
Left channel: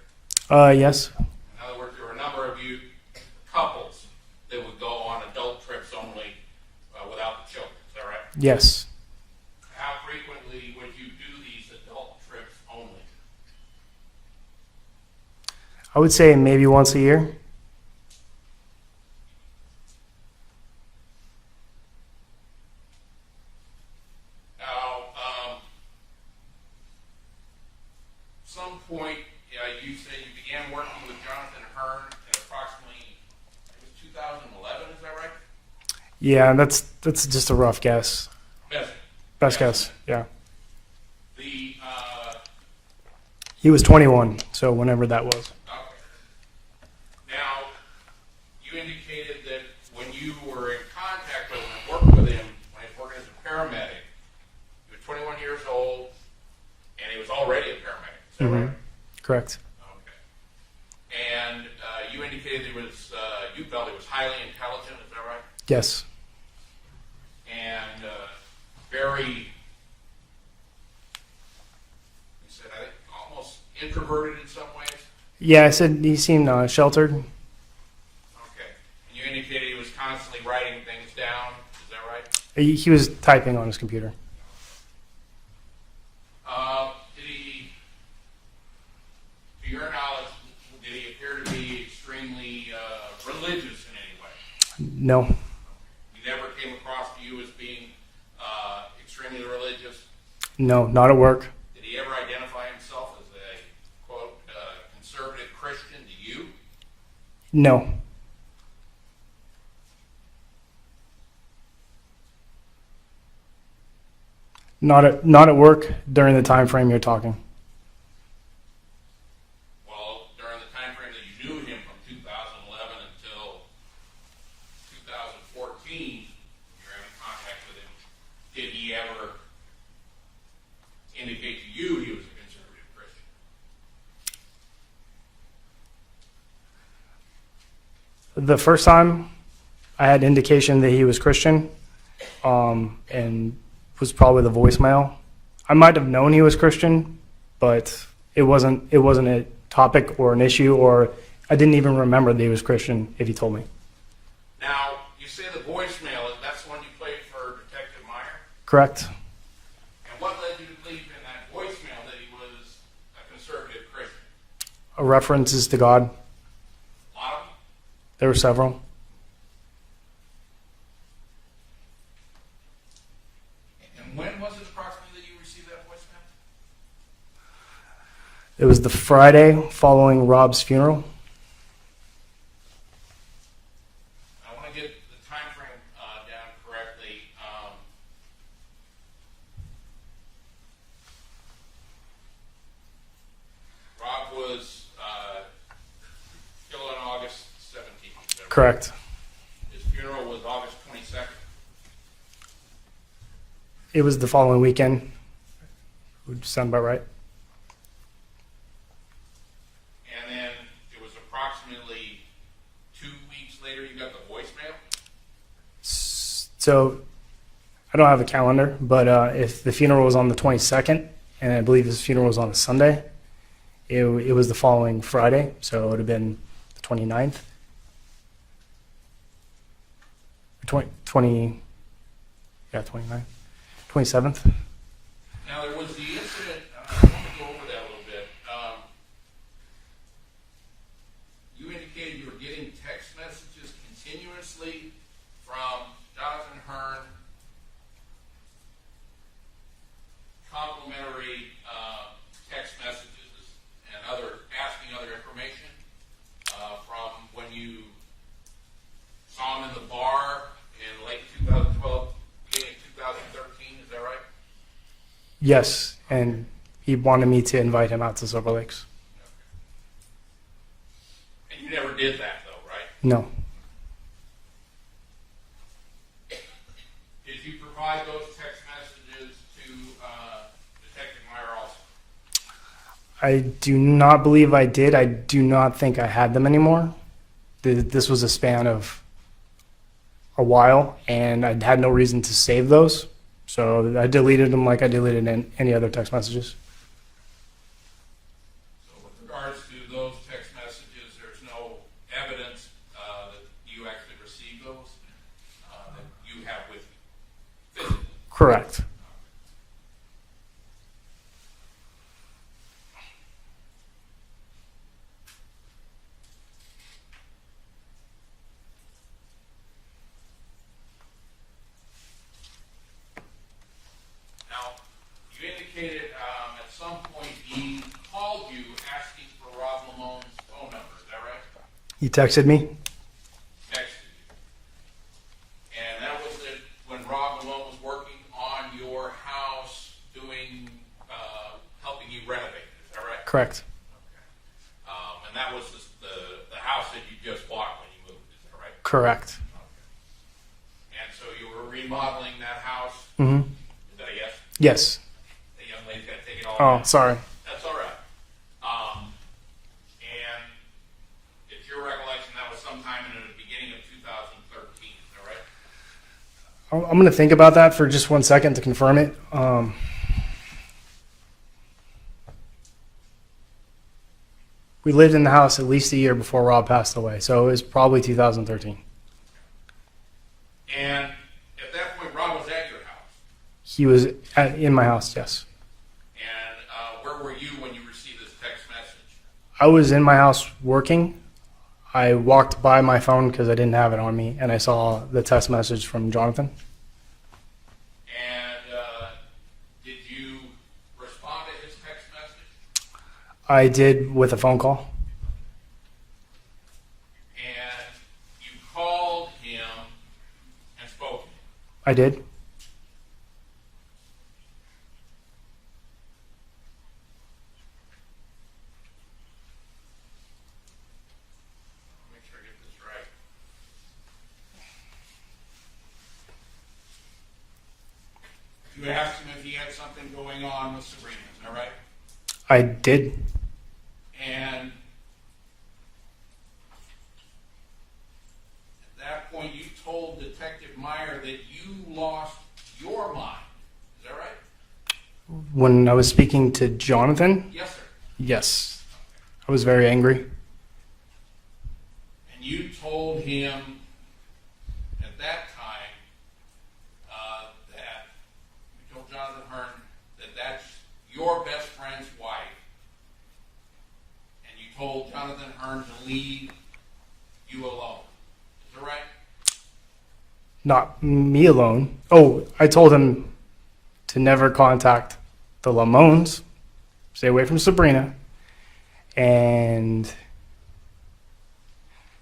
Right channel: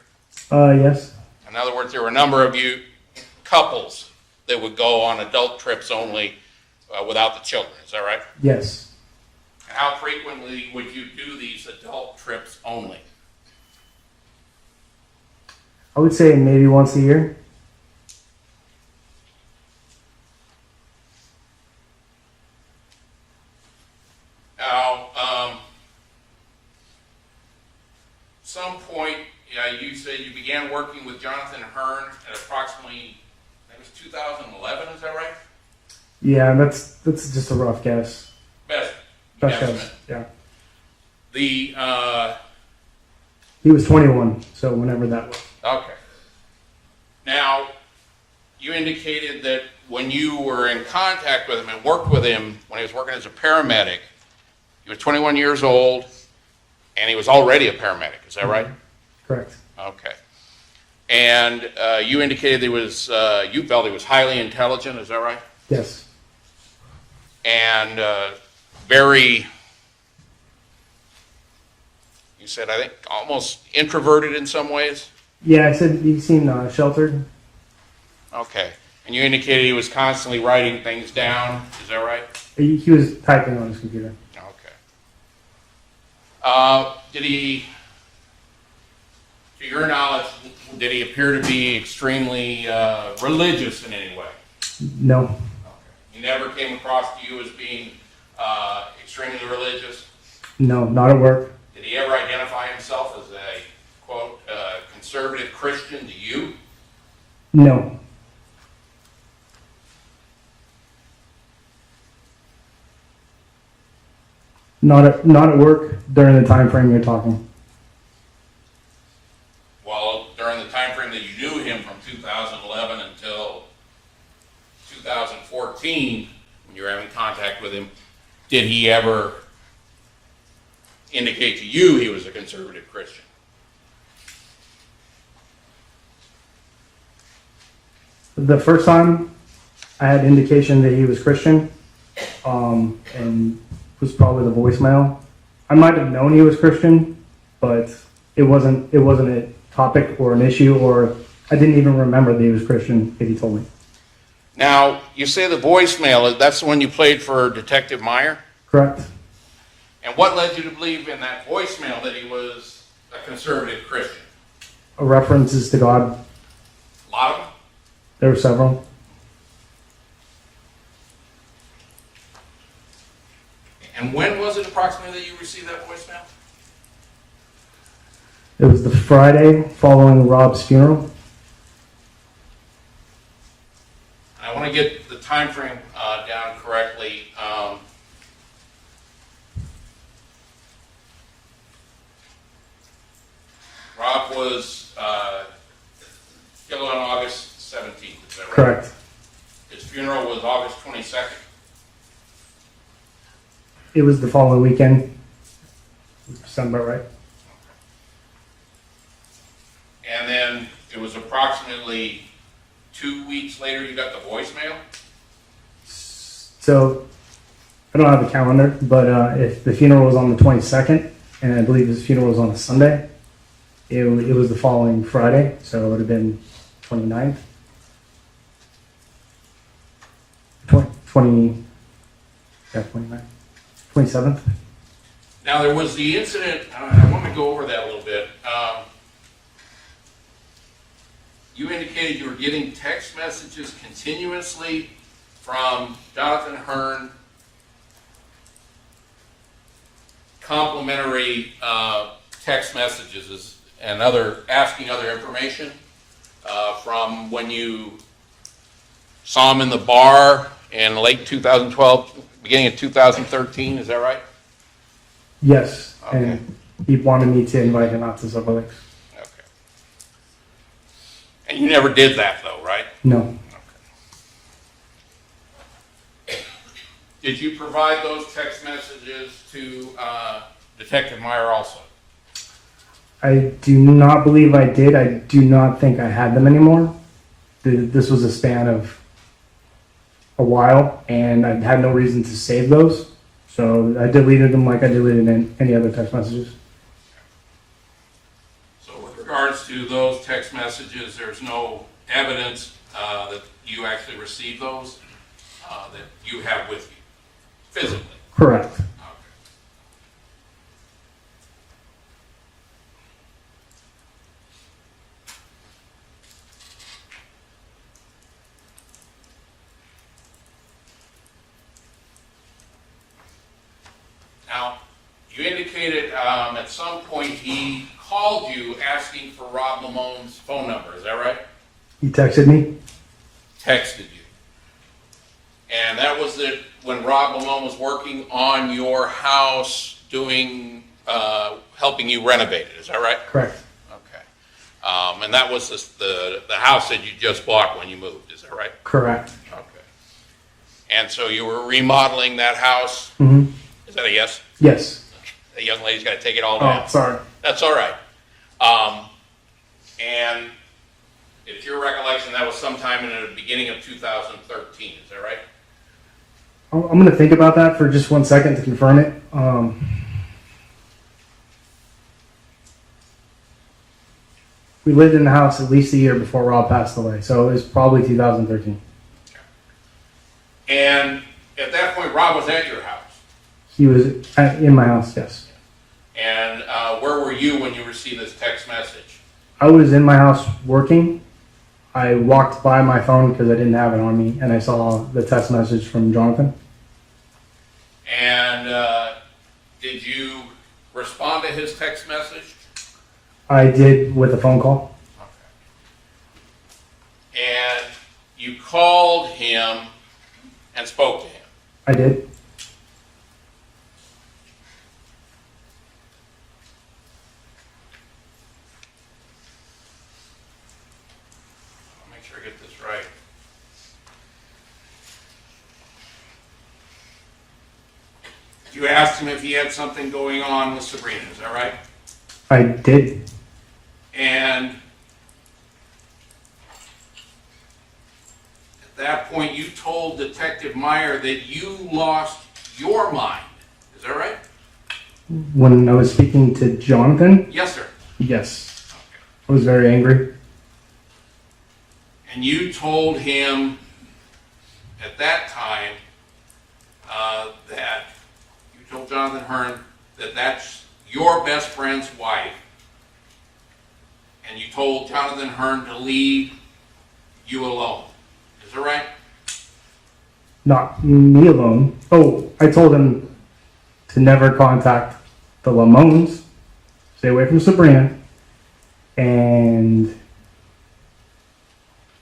Yes. In other words, there were a number of you couples that would go on adult trips only without the children. Is that right? Yes. And how frequently would you do these adult trips only? I would say maybe once a year. Now, some point, you said you began working with Jonathan Hearn at approximately, I think it was 2011, is that right? Yeah, that's just a rough guess. Best guess. Yeah. The, He was 21, so whenever that was. okay. Now, you indicated that when you were in contact with him and worked with him when he was working as a paramedic, he was 21 years old and he was already a paramedic, is that right? Correct. Okay. And you indicated he was, you felt he was highly intelligent, is that right? Yes. And very, you said, I think, almost introverted in some ways? Yeah, I said he seemed sheltered. Okay. And you indicated he was constantly writing things down, is that right? He was typing on his computer. Okay. Did he, to your knowledge, did he appear to be extremely religious in any way? No. Okay. He never came across to you as being extremely religious? No, not at work. Did he ever identify himself as a, quote, conservative Christian to you? No. Not at work during the time frame you're talking. Well, during the time frame that you knew him from 2011 until 2014, when you were having contact with him, did he ever indicate to you he was a conservative Christian? The first time I had indication that he was Christian, and was probably the voicemail. I might have known he was Christian, but it wasn't a topic or an issue, or I didn't even remember that he was Christian if he told me. Now, you say the voicemail, that's the one you played for Detective Meyer? Correct. And what led you to believe in that voicemail that he was a conservative Christian? References to God. A lot of them? There were several. And when was it approximately that you received that voicemail? It was the Friday following Rob's funeral. I want to get the time frame down correctly. Rob was killed on August 17th, is that right? Correct. His funeral was August 22nd. It was the following weekend. Sound about right? it was approximately 2 weeks later you got the voicemail? So I don't have a calendar, but if the funeral was on the 22nd, and I believe his funeral was on a Sunday, it was the following Friday, so it would have been 29th. 29th. 27th. Now, there was the incident, I want to go over that a little bit. You indicated you were getting text messages continuously from Jonathan Hearn, complimentary text messages and asking other information from when you saw him in the bar in late 2012, beginning of 2013, is that right? Yes, Okay. and he wanted me to invite him out to Silver Lakes. Okay. And you never did that though, right? No, Did you provide those text messages to Detective Meyer also? I do not believe I did. I do not think I had them anymore. This was a span of a while, and I had no reason to save those. So I deleted them like I deleted any other text messages. So with regards to those text messages, there's no evidence that you actually received those, that you have with you physically? Correct. Okay. Now, you indicated at some point he called you asking for Rob Limon's phone number, is that right? He texted me. Texted you. And that was when Rob Limon was working on your house doing, helping you renovate it, is that right? Correct. Okay. And that was the house that you just bought when you moved, is that right? Correct. Okay. And so you were remodeling that house, Mm-hmm. is that a yes? Yes. The young lady's got to take it all Oh, down. sorry. That's all right. And it's your recollection that was sometime in the beginning of 2013, is that right? I'm going to think about that for just 1 second to confirm it. We lived in the house at least a year before Rob passed away, so it was probably 2013. And at that point, Rob was at your house. He was in my house, yes. And where were you when you received this text message? I was in my house working. I walked by my phone because I didn't have it on me, and I saw the text message from Jonathan. And did you respond to his text message? I did with a phone call. Okay. And you called him and spoke to him? I did. I'll make sure I get this right. You asked him if he had something going on with Sabrina, is that right? I did. And at that point, you told Detective Meyer that you lost your mind. Is that right? When I was speaking to Jonathan, Yes, sir. yes, Okay. I was very angry. And you told him at that time that you told Jonathan Hearn that that's your best friend's wife. And you told Jonathan Hearn to leave you alone. Is that right? Not me alone. Oh, I told him to never contact the Limons, stay away from Sabrina, and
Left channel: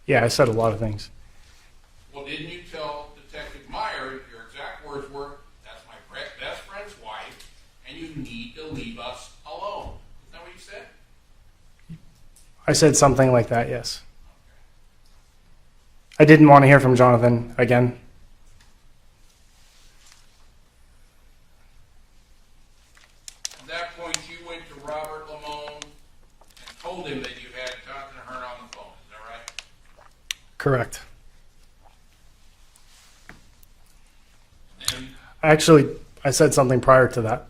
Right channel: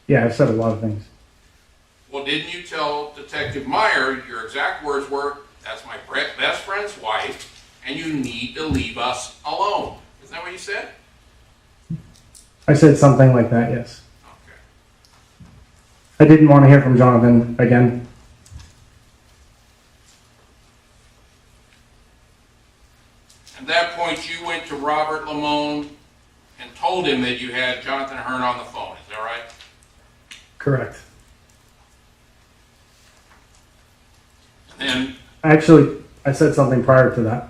yeah, I said a lot of things. Well, didn't you tell Detective Meyer, your exact words were, that's my best friend's wife, and you need to leave us alone? Isn't that what you said? I said something like that, yes. Okay. I didn't want to hear from Jonathan again. At that point, you went to Robert Limon and told him that you had Jonathan Hearn on the Correct. And Actually, I said something prior to that.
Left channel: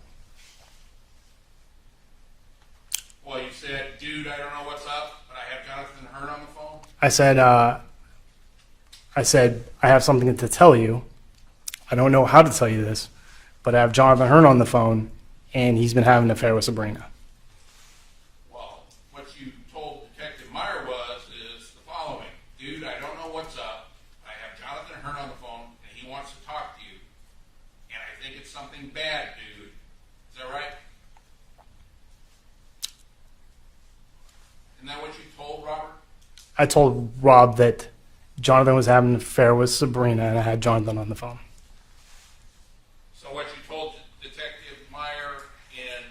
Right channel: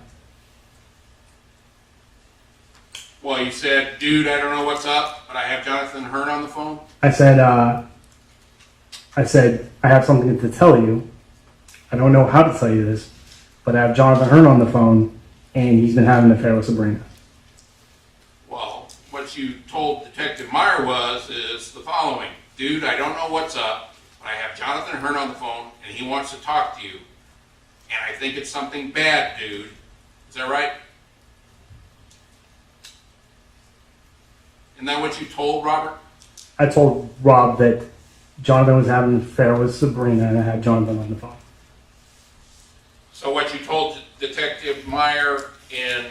well, you said, dude, I don't know what's up, but I have Jonathan Hearn on the phone. I said, I have something to tell you. I don't know how to tell you this, but I have Jonathan Hearn on the phone, and he's been having an affair with Sabrina. Well, what you told Detective Meyer is the following. Dude, I don't know what's up, but I have Jonathan Hearn on the phone, and he wants to talk to you. And I think it's something bad, dude. Is that right? Isn't that what you told Robert? I told Rob that Jonathan was having an affair with Sabrina, and I had Jonathan on the phone. So what you told Detective Meyer in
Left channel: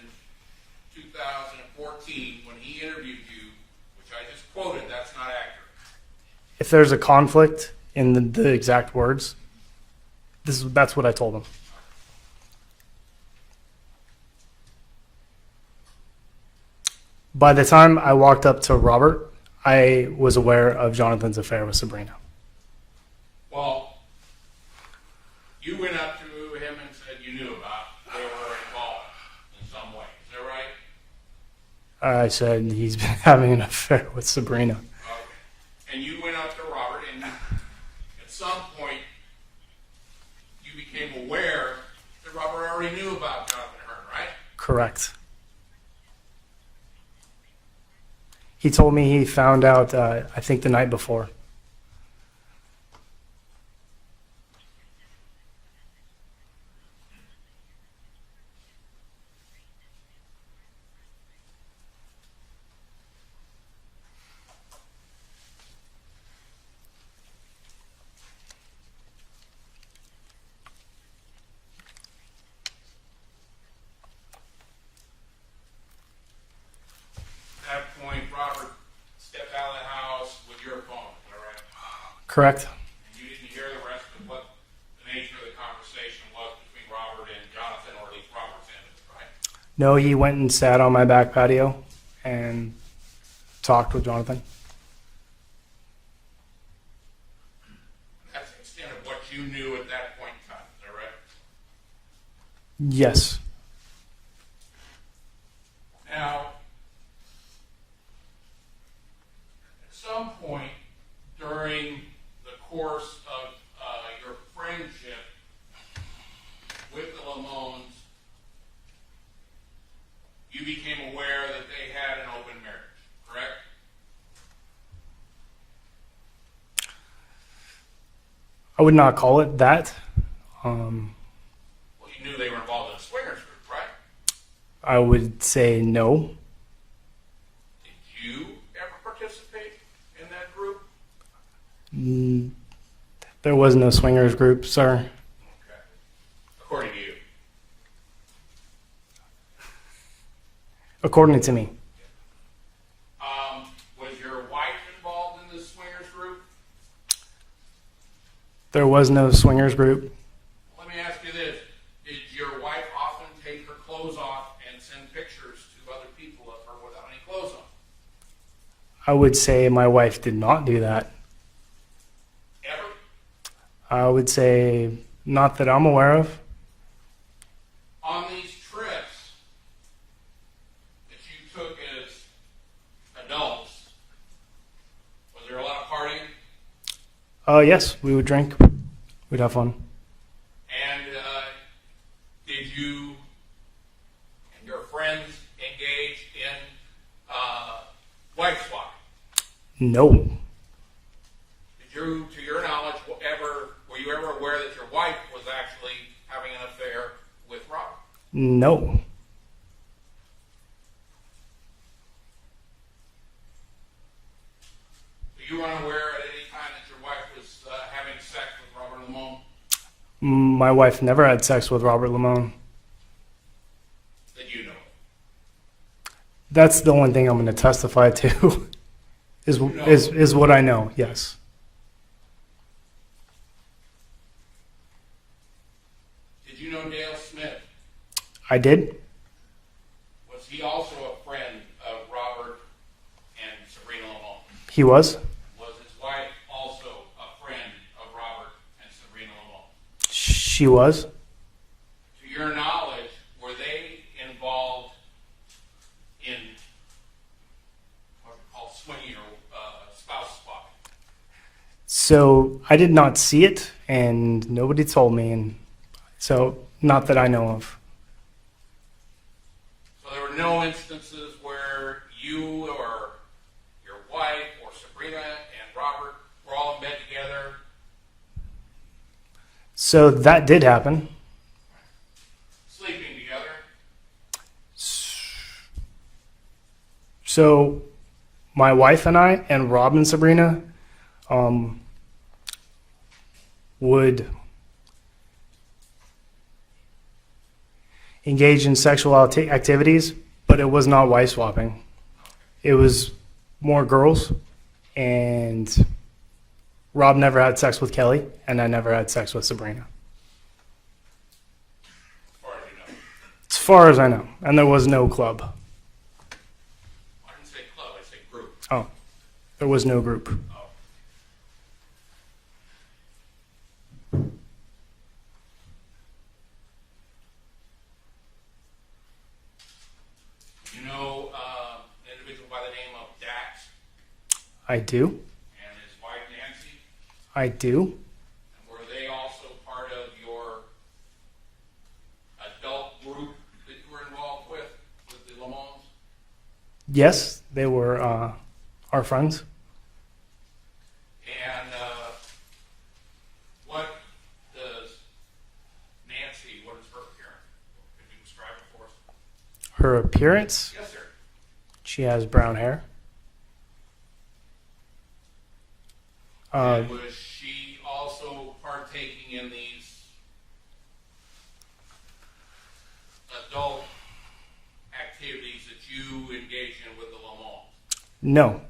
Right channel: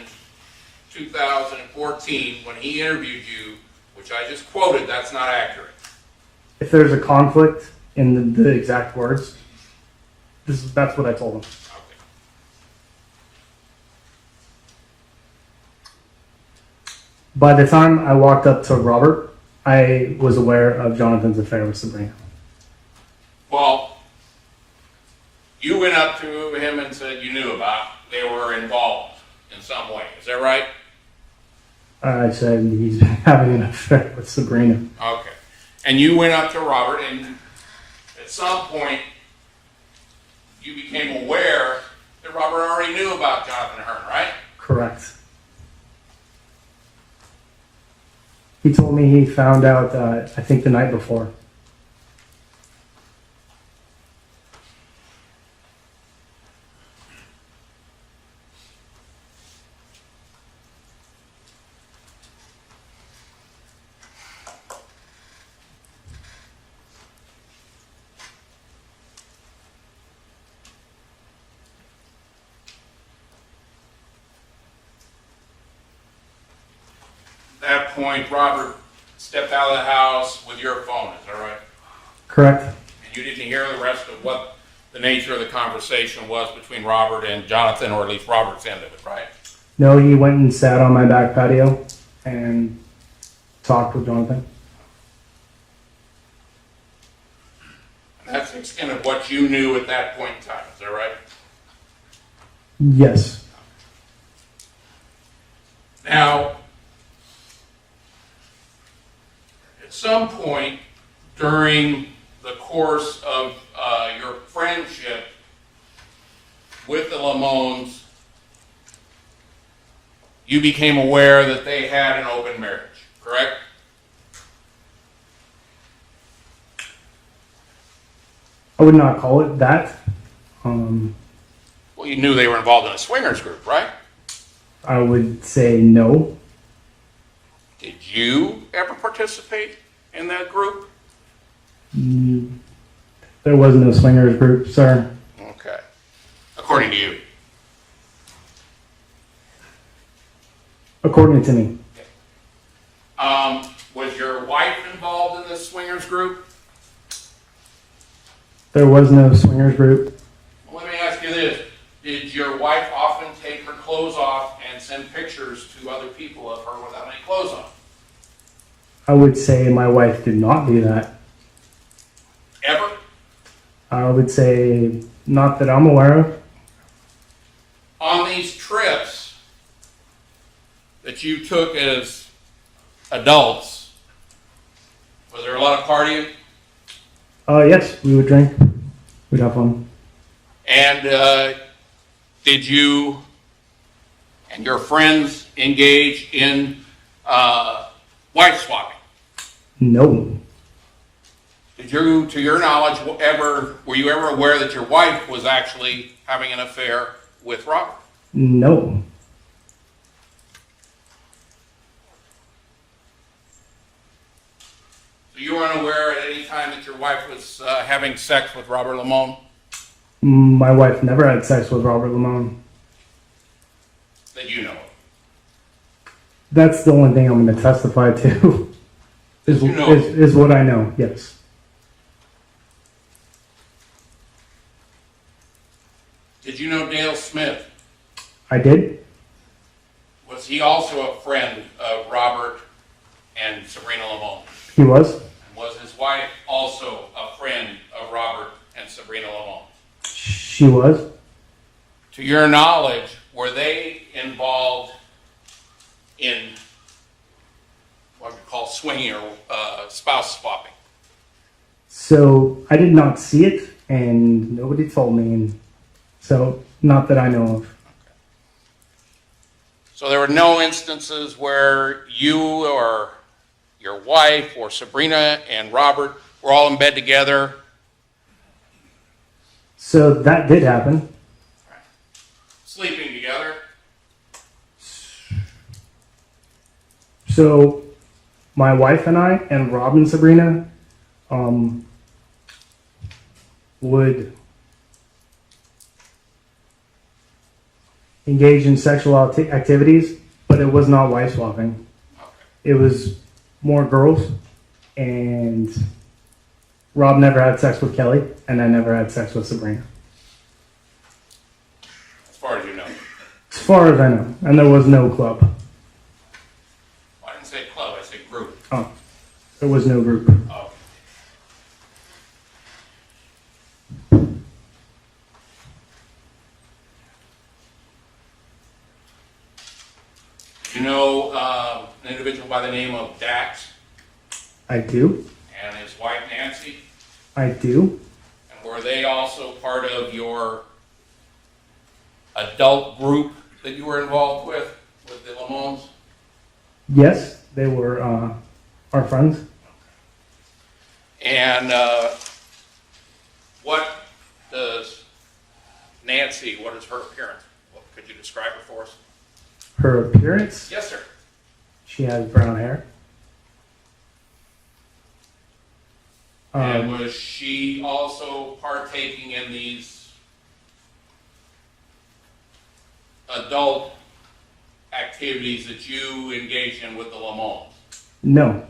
2014 when he interviewed you, which I just quoted, that's not accurate. If there's a conflict in the exact words, that's what I told him. Okay. By the time I walked up to Robert, I was aware of Jonathan's affair with Sabrina. Well, you went up to him and said you knew about they were involved in some way. Is that right? I said he's been having an affair with Sabrina. Okay. And you went up to Robert, and at some point you became aware that Robert already knew about Jonathan Hearn, right? Correct. He told me he found out, I think the night before. At that point, Robert stepped out of the house with your phone, is that right? Correct. And you didn't hear the rest of what the nature of the conversation was between Robert and Jonathan, or at least Robert's end of it, right? No, he went and sat on my back patio and talked with Jonathan. That's the extent of what you knew at that point in time, is that right? Yes. Now, at some point during the course of your friendship with the Limons, you became aware that they had an open marriage, correct? I would not call it that. Well, you knew they were involved in a swingers group, right? I would say no. Did you ever participate in that group? There was no swingers group, sir. Okay. According to you. According to me. Was your wife involved in this swingers group? There was no swingers group. Well, let me ask you this. Did your wife often take her clothes off and send pictures to other people of her without any clothes on? I would say my wife did not do that. Ever? I would say not that I'm aware of. On these trips that you took as adults, was there a lot of partying? Yes, we would drink. We'd have fun. And did you and your friends engage in wife swapping? No. Did you, to your knowledge, were you ever aware that your wife was actually having an affair with Robert? No. So you were unaware at any time that your wife was having sex with Robert Limon? My wife never had sex with Robert Limon. That you know of? That's the only thing I'm going to testify to. is, You know. is what I know, yes. Did you know Dale Smith? I did. Was he also a friend of Robert and Sabrina Limon? He was. was his wife also a friend of Robert and Sabrina Limon? She was. To your knowledge, were they involved in what we call swinging or spouse swapping? So I did not see it, and nobody told me, and so not that I know of. So there were no instances where you or your wife or Sabrina and Robert were all in bed together? So that did happen. Sleeping together? So my wife and I and Rob and Sabrina would engage in sexual activities, but it was not wife swapping. Okay. It was more girls, and Rob never had sex with Kelly, and I never had sex with Sabrina. As far as you know. As far as I know, and there was no club. I didn't say club, I said group. Oh, there was no group. Okay. You know an individual by the name of Dax I do. and his wife Nancy? I do. And were they also part of your adult group that you were involved with the Limons? Yes, they were our friends. And what does Nancy, what is her appearance? Could you describe her for us? Her appearance, Yes, sir. she has brown hair. And was she also partaking in these adult activities that you engage in with the Limons? No.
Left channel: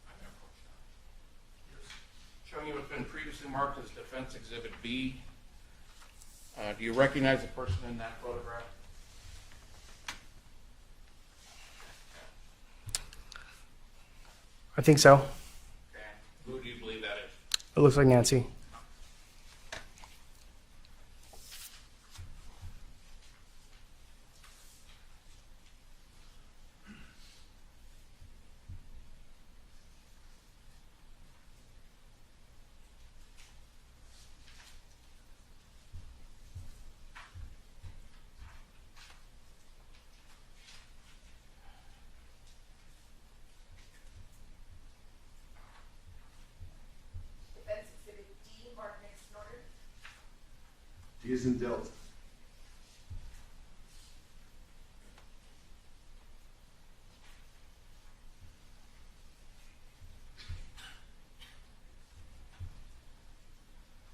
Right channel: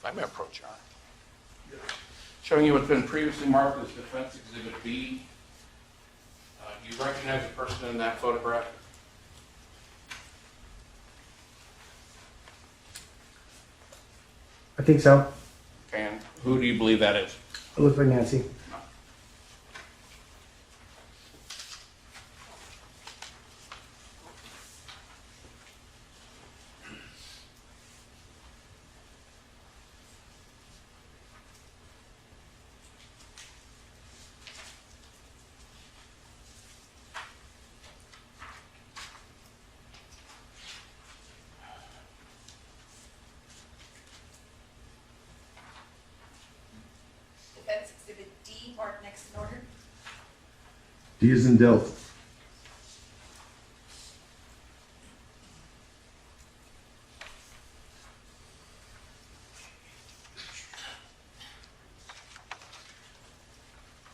If I may approach your arm. Showing you what's been previously marked as Defense Exhibit B. Do you recognize the person in that photograph? I think so. And who do you believe that is? It looks like Nancy. Defense Exhibit D, marked next in order. D is in Delta.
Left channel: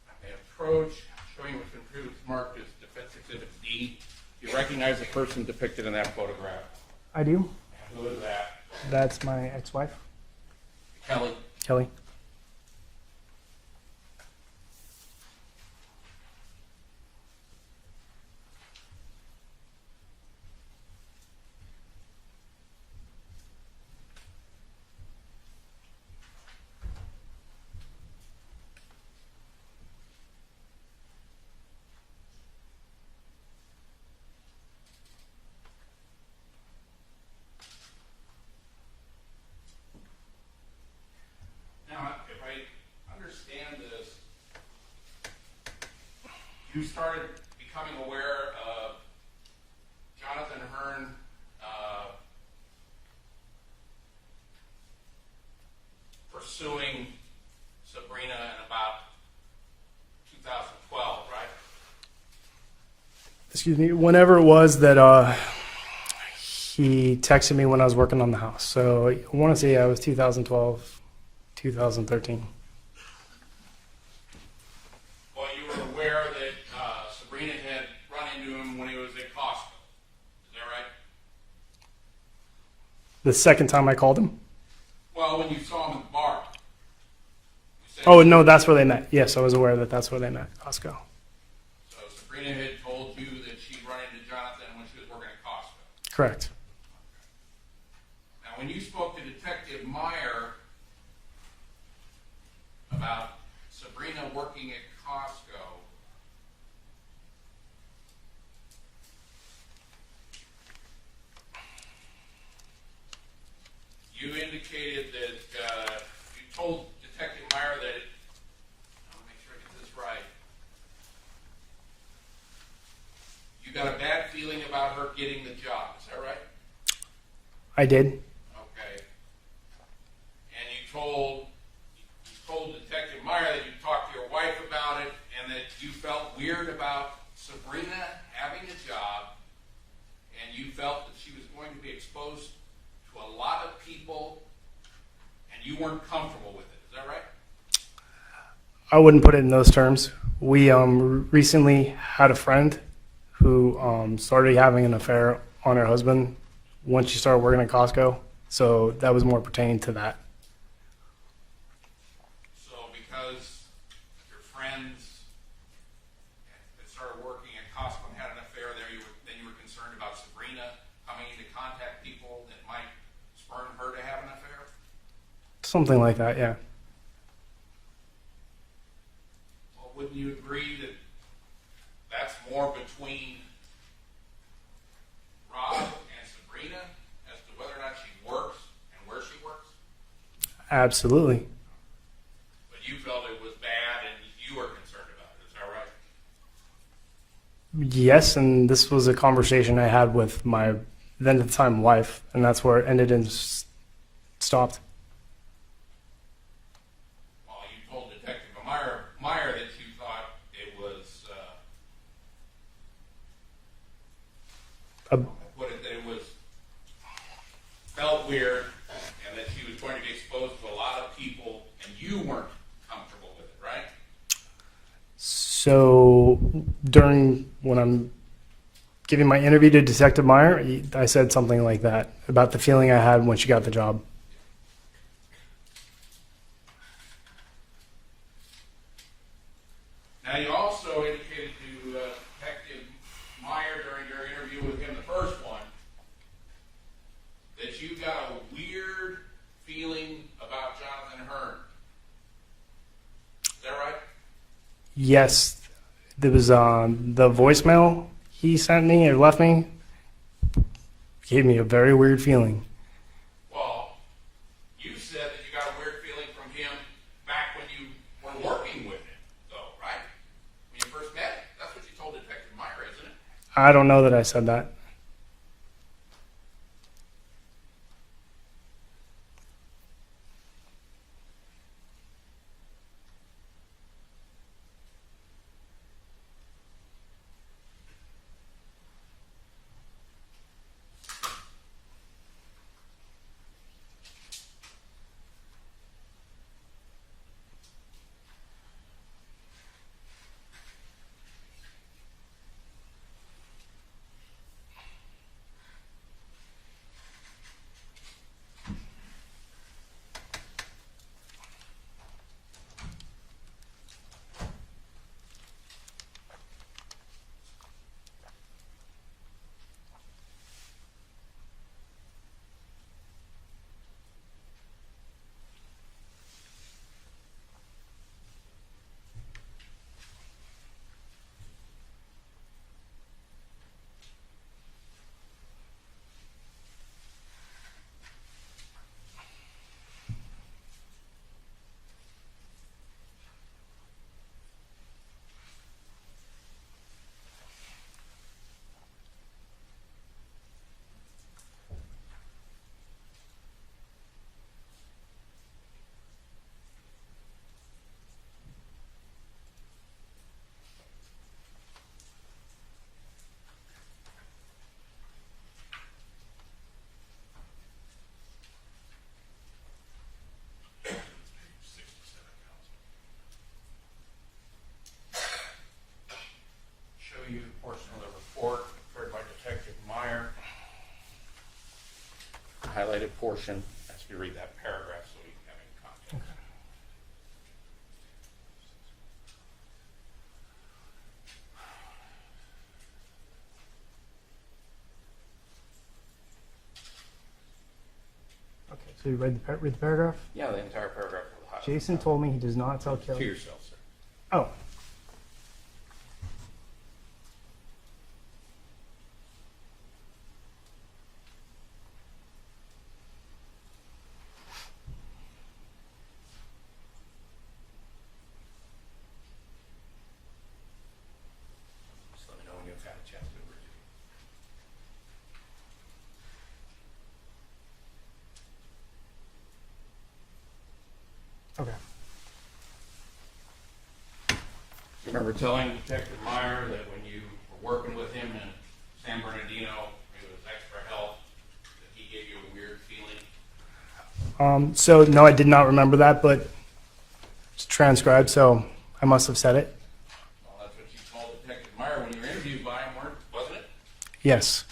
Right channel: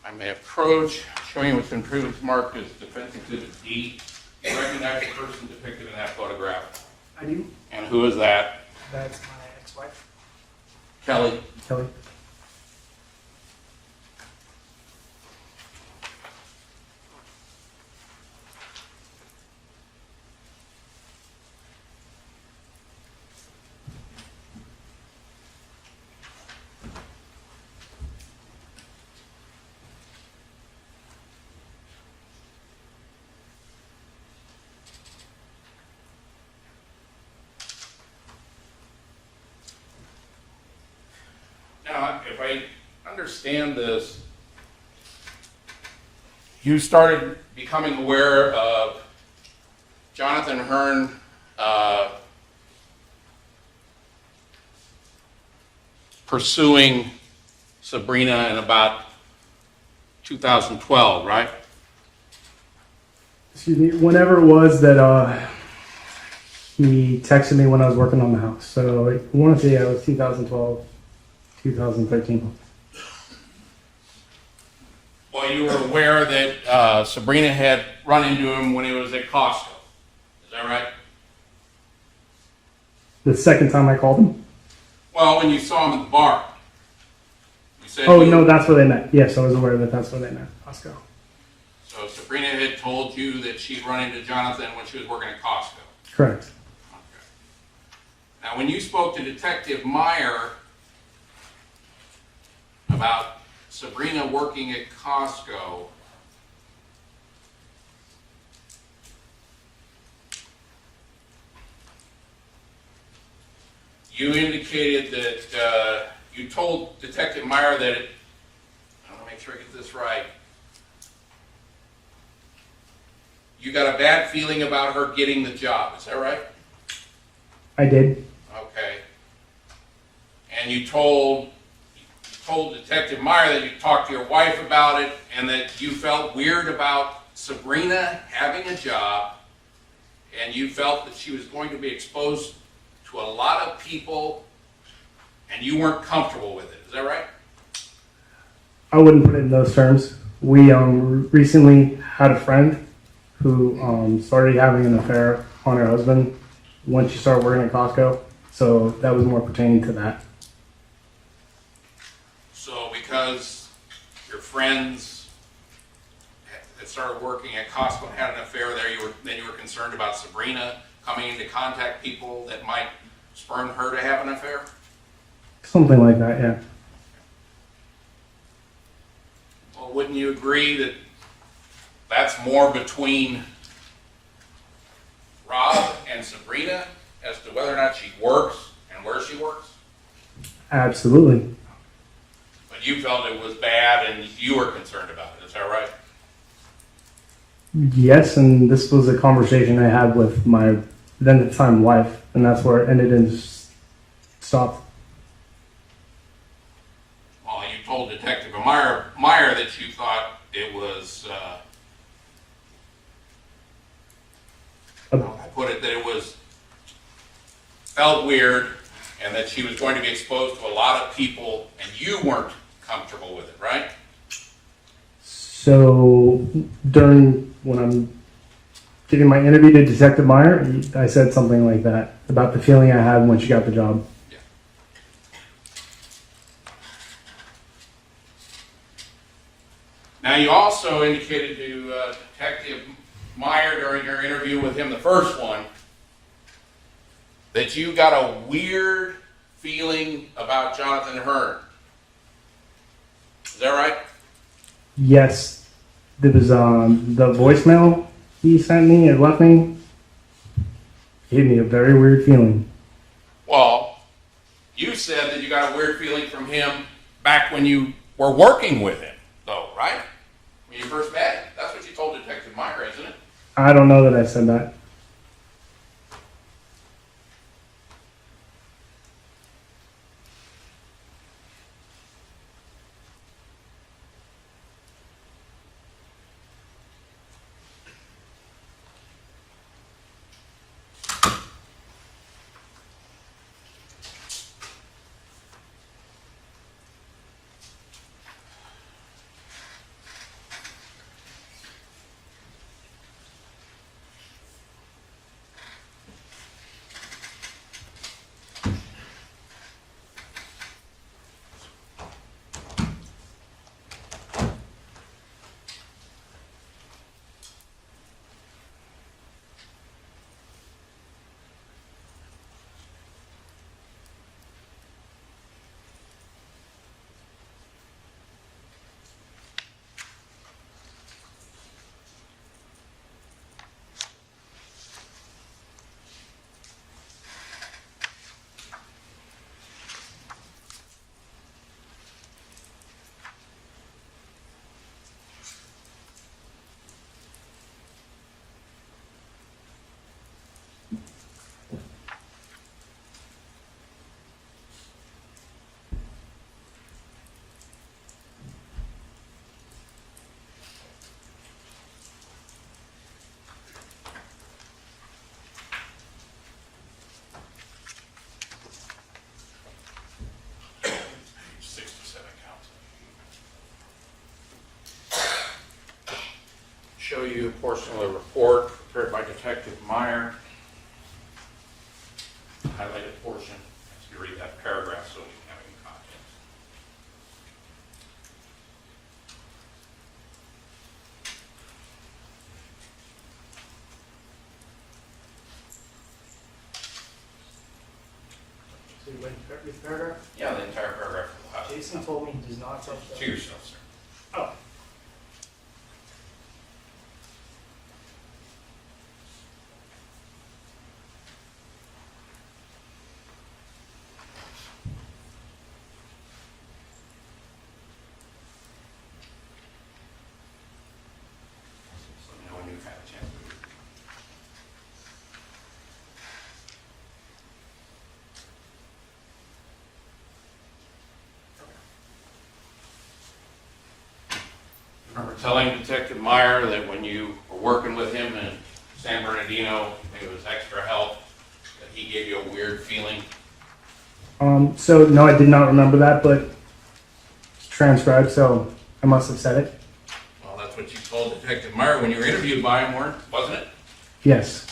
I may approach, showing you what's been previously marked as Defense Exhibit D. You recognize the person depicted in that photograph? I do. And who is that? That's my ex-wife, Kelly. Kelly. Now, if I understand this, you started becoming aware of Jonathan Hearn pursuing Sabrina in about 2012, right? Excuse me. Whenever it was that he texted me when I was working on the house. So I want to say it was 2012, 2013. Well, So you were aware that Sabrina had run into him when he was at Costco. Is that right? The second time I called him? Well, when you saw him at the bar. You said Oh, no, that's where they met. Yes, I was aware that that's where they met, Costco. So Sabrina had told you that she'd run into Jonathan when she was working at Costco. Correct. Okay. Now, when you spoke to Detective Meyer about Sabrina working at Costco, you indicated that you told Detective Meyer that I want to make sure I get this right. You got a bad feeling about her getting the job, is that right? I did. Okay. And you told Detective Meyer that you talked to your wife about it and that you felt weird about Sabrina having a job and you felt that she was going to be exposed to a lot of people and you weren't comfortable with it. Is that right? I wouldn't put it in those terms. We recently had a friend who started having an affair on her husband when she started working at Costco. So that was more pertaining to that. So because your friends that started working at Costco and had an affair there, then you were concerned about Sabrina coming into contact people that might spurn her to have an affair? Something like that, yeah. Well, wouldn't you agree that that's more between Rob and Sabrina as to whether or not she works and where she works? Absolutely. But you felt it was bad and you were concerned about it, is that right? Yes, and this was a conversation I had with my then at the time wife, and that's where it ended and just stopped. Well, you told Detective Meyer that you thought it was, I put it that it was, felt weird and that she was going to be exposed to a lot of people and you weren't comfortable with it, right? So during when I'm giving my interview to Detective Meyer, I said something like that about the feeling I had when she got the job. Yeah. Now, you also indicated to Detective Meyer during your interview with him, the first one, that you got a weird feeling about Jonathan Hearn. Is that right? Yes, there was the voicemail he sent me or left me gave me a very weird feeling. Well, you said that you got a weird feeling from him back when you were working with him, though, right? When you first met him. That's what you told Detective Meyer, isn't it? I don't know that I said that. portion of the report prepared by Detective Meyer. Highlighted portion, ask you to read that paragraph so you can have any context. So you read the paragraph? Yeah, the entire paragraph. will have- Jason told me he does not sell To killers. yourself, sir. Oh. Just let me know when you've had a chance to read it. Okay. You remember telling Detective Meyer that when you were working with him in San Bernardino, it was extra help, that he gave you a weird feeling? So no, I did not remember that, but it's transcribed, so I must have said it. Well, that's what you told Detective Meyer when you were interviewed by him, wasn't it? Yes.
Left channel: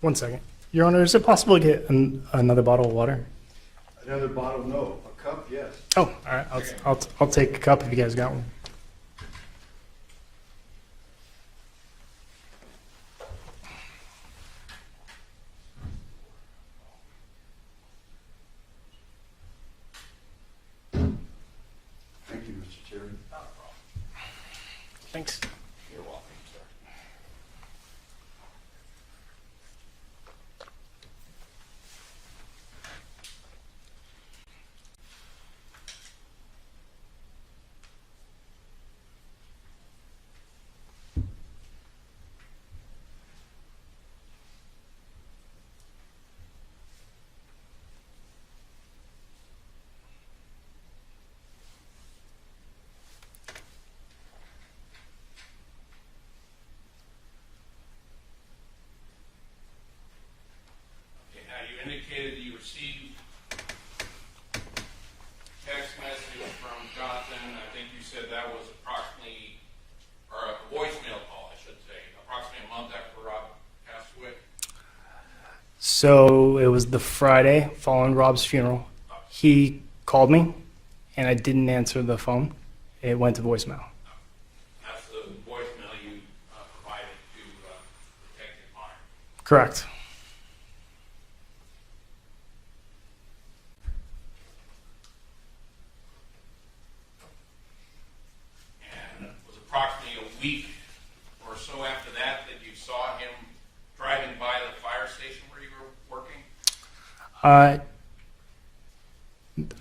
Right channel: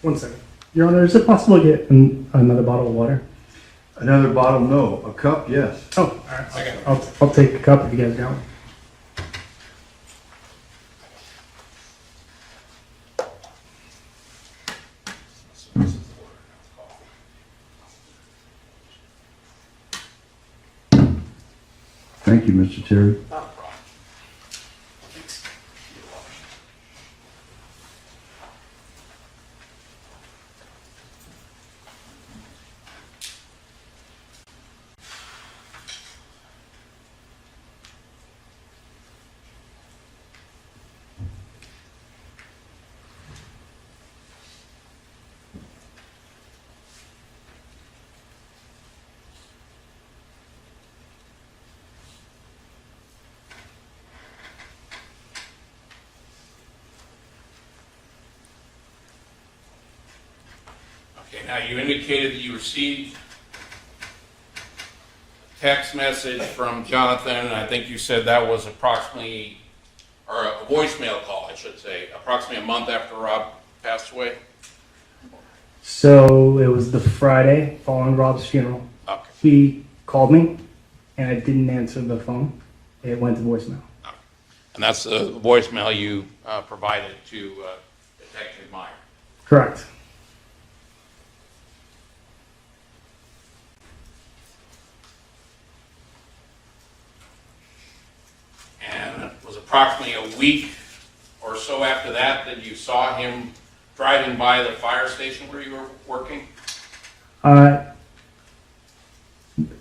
One second. Your Honor, is it possible to get another bottle of water? Another bottle, no. A cup, yes. Oh, all right. I'll take a cup if you guys got one. Thank you, Mr. Terry. Not a problem. Thanks. You're welcome. Okay, now you indicated that you received a text message from Jonathan, and I think you said that was approximately, or a voicemail call, I should say, approximately a month after Rob passed away? So it was the Friday following Rob's funeral. Okay. He called me, and I didn't answer the phone. It went to voicemail. And that's the voicemail you provided to Detective Meyer. Correct. And it was approximately a week or so after that that you saw him driving by the fire station where you were working? I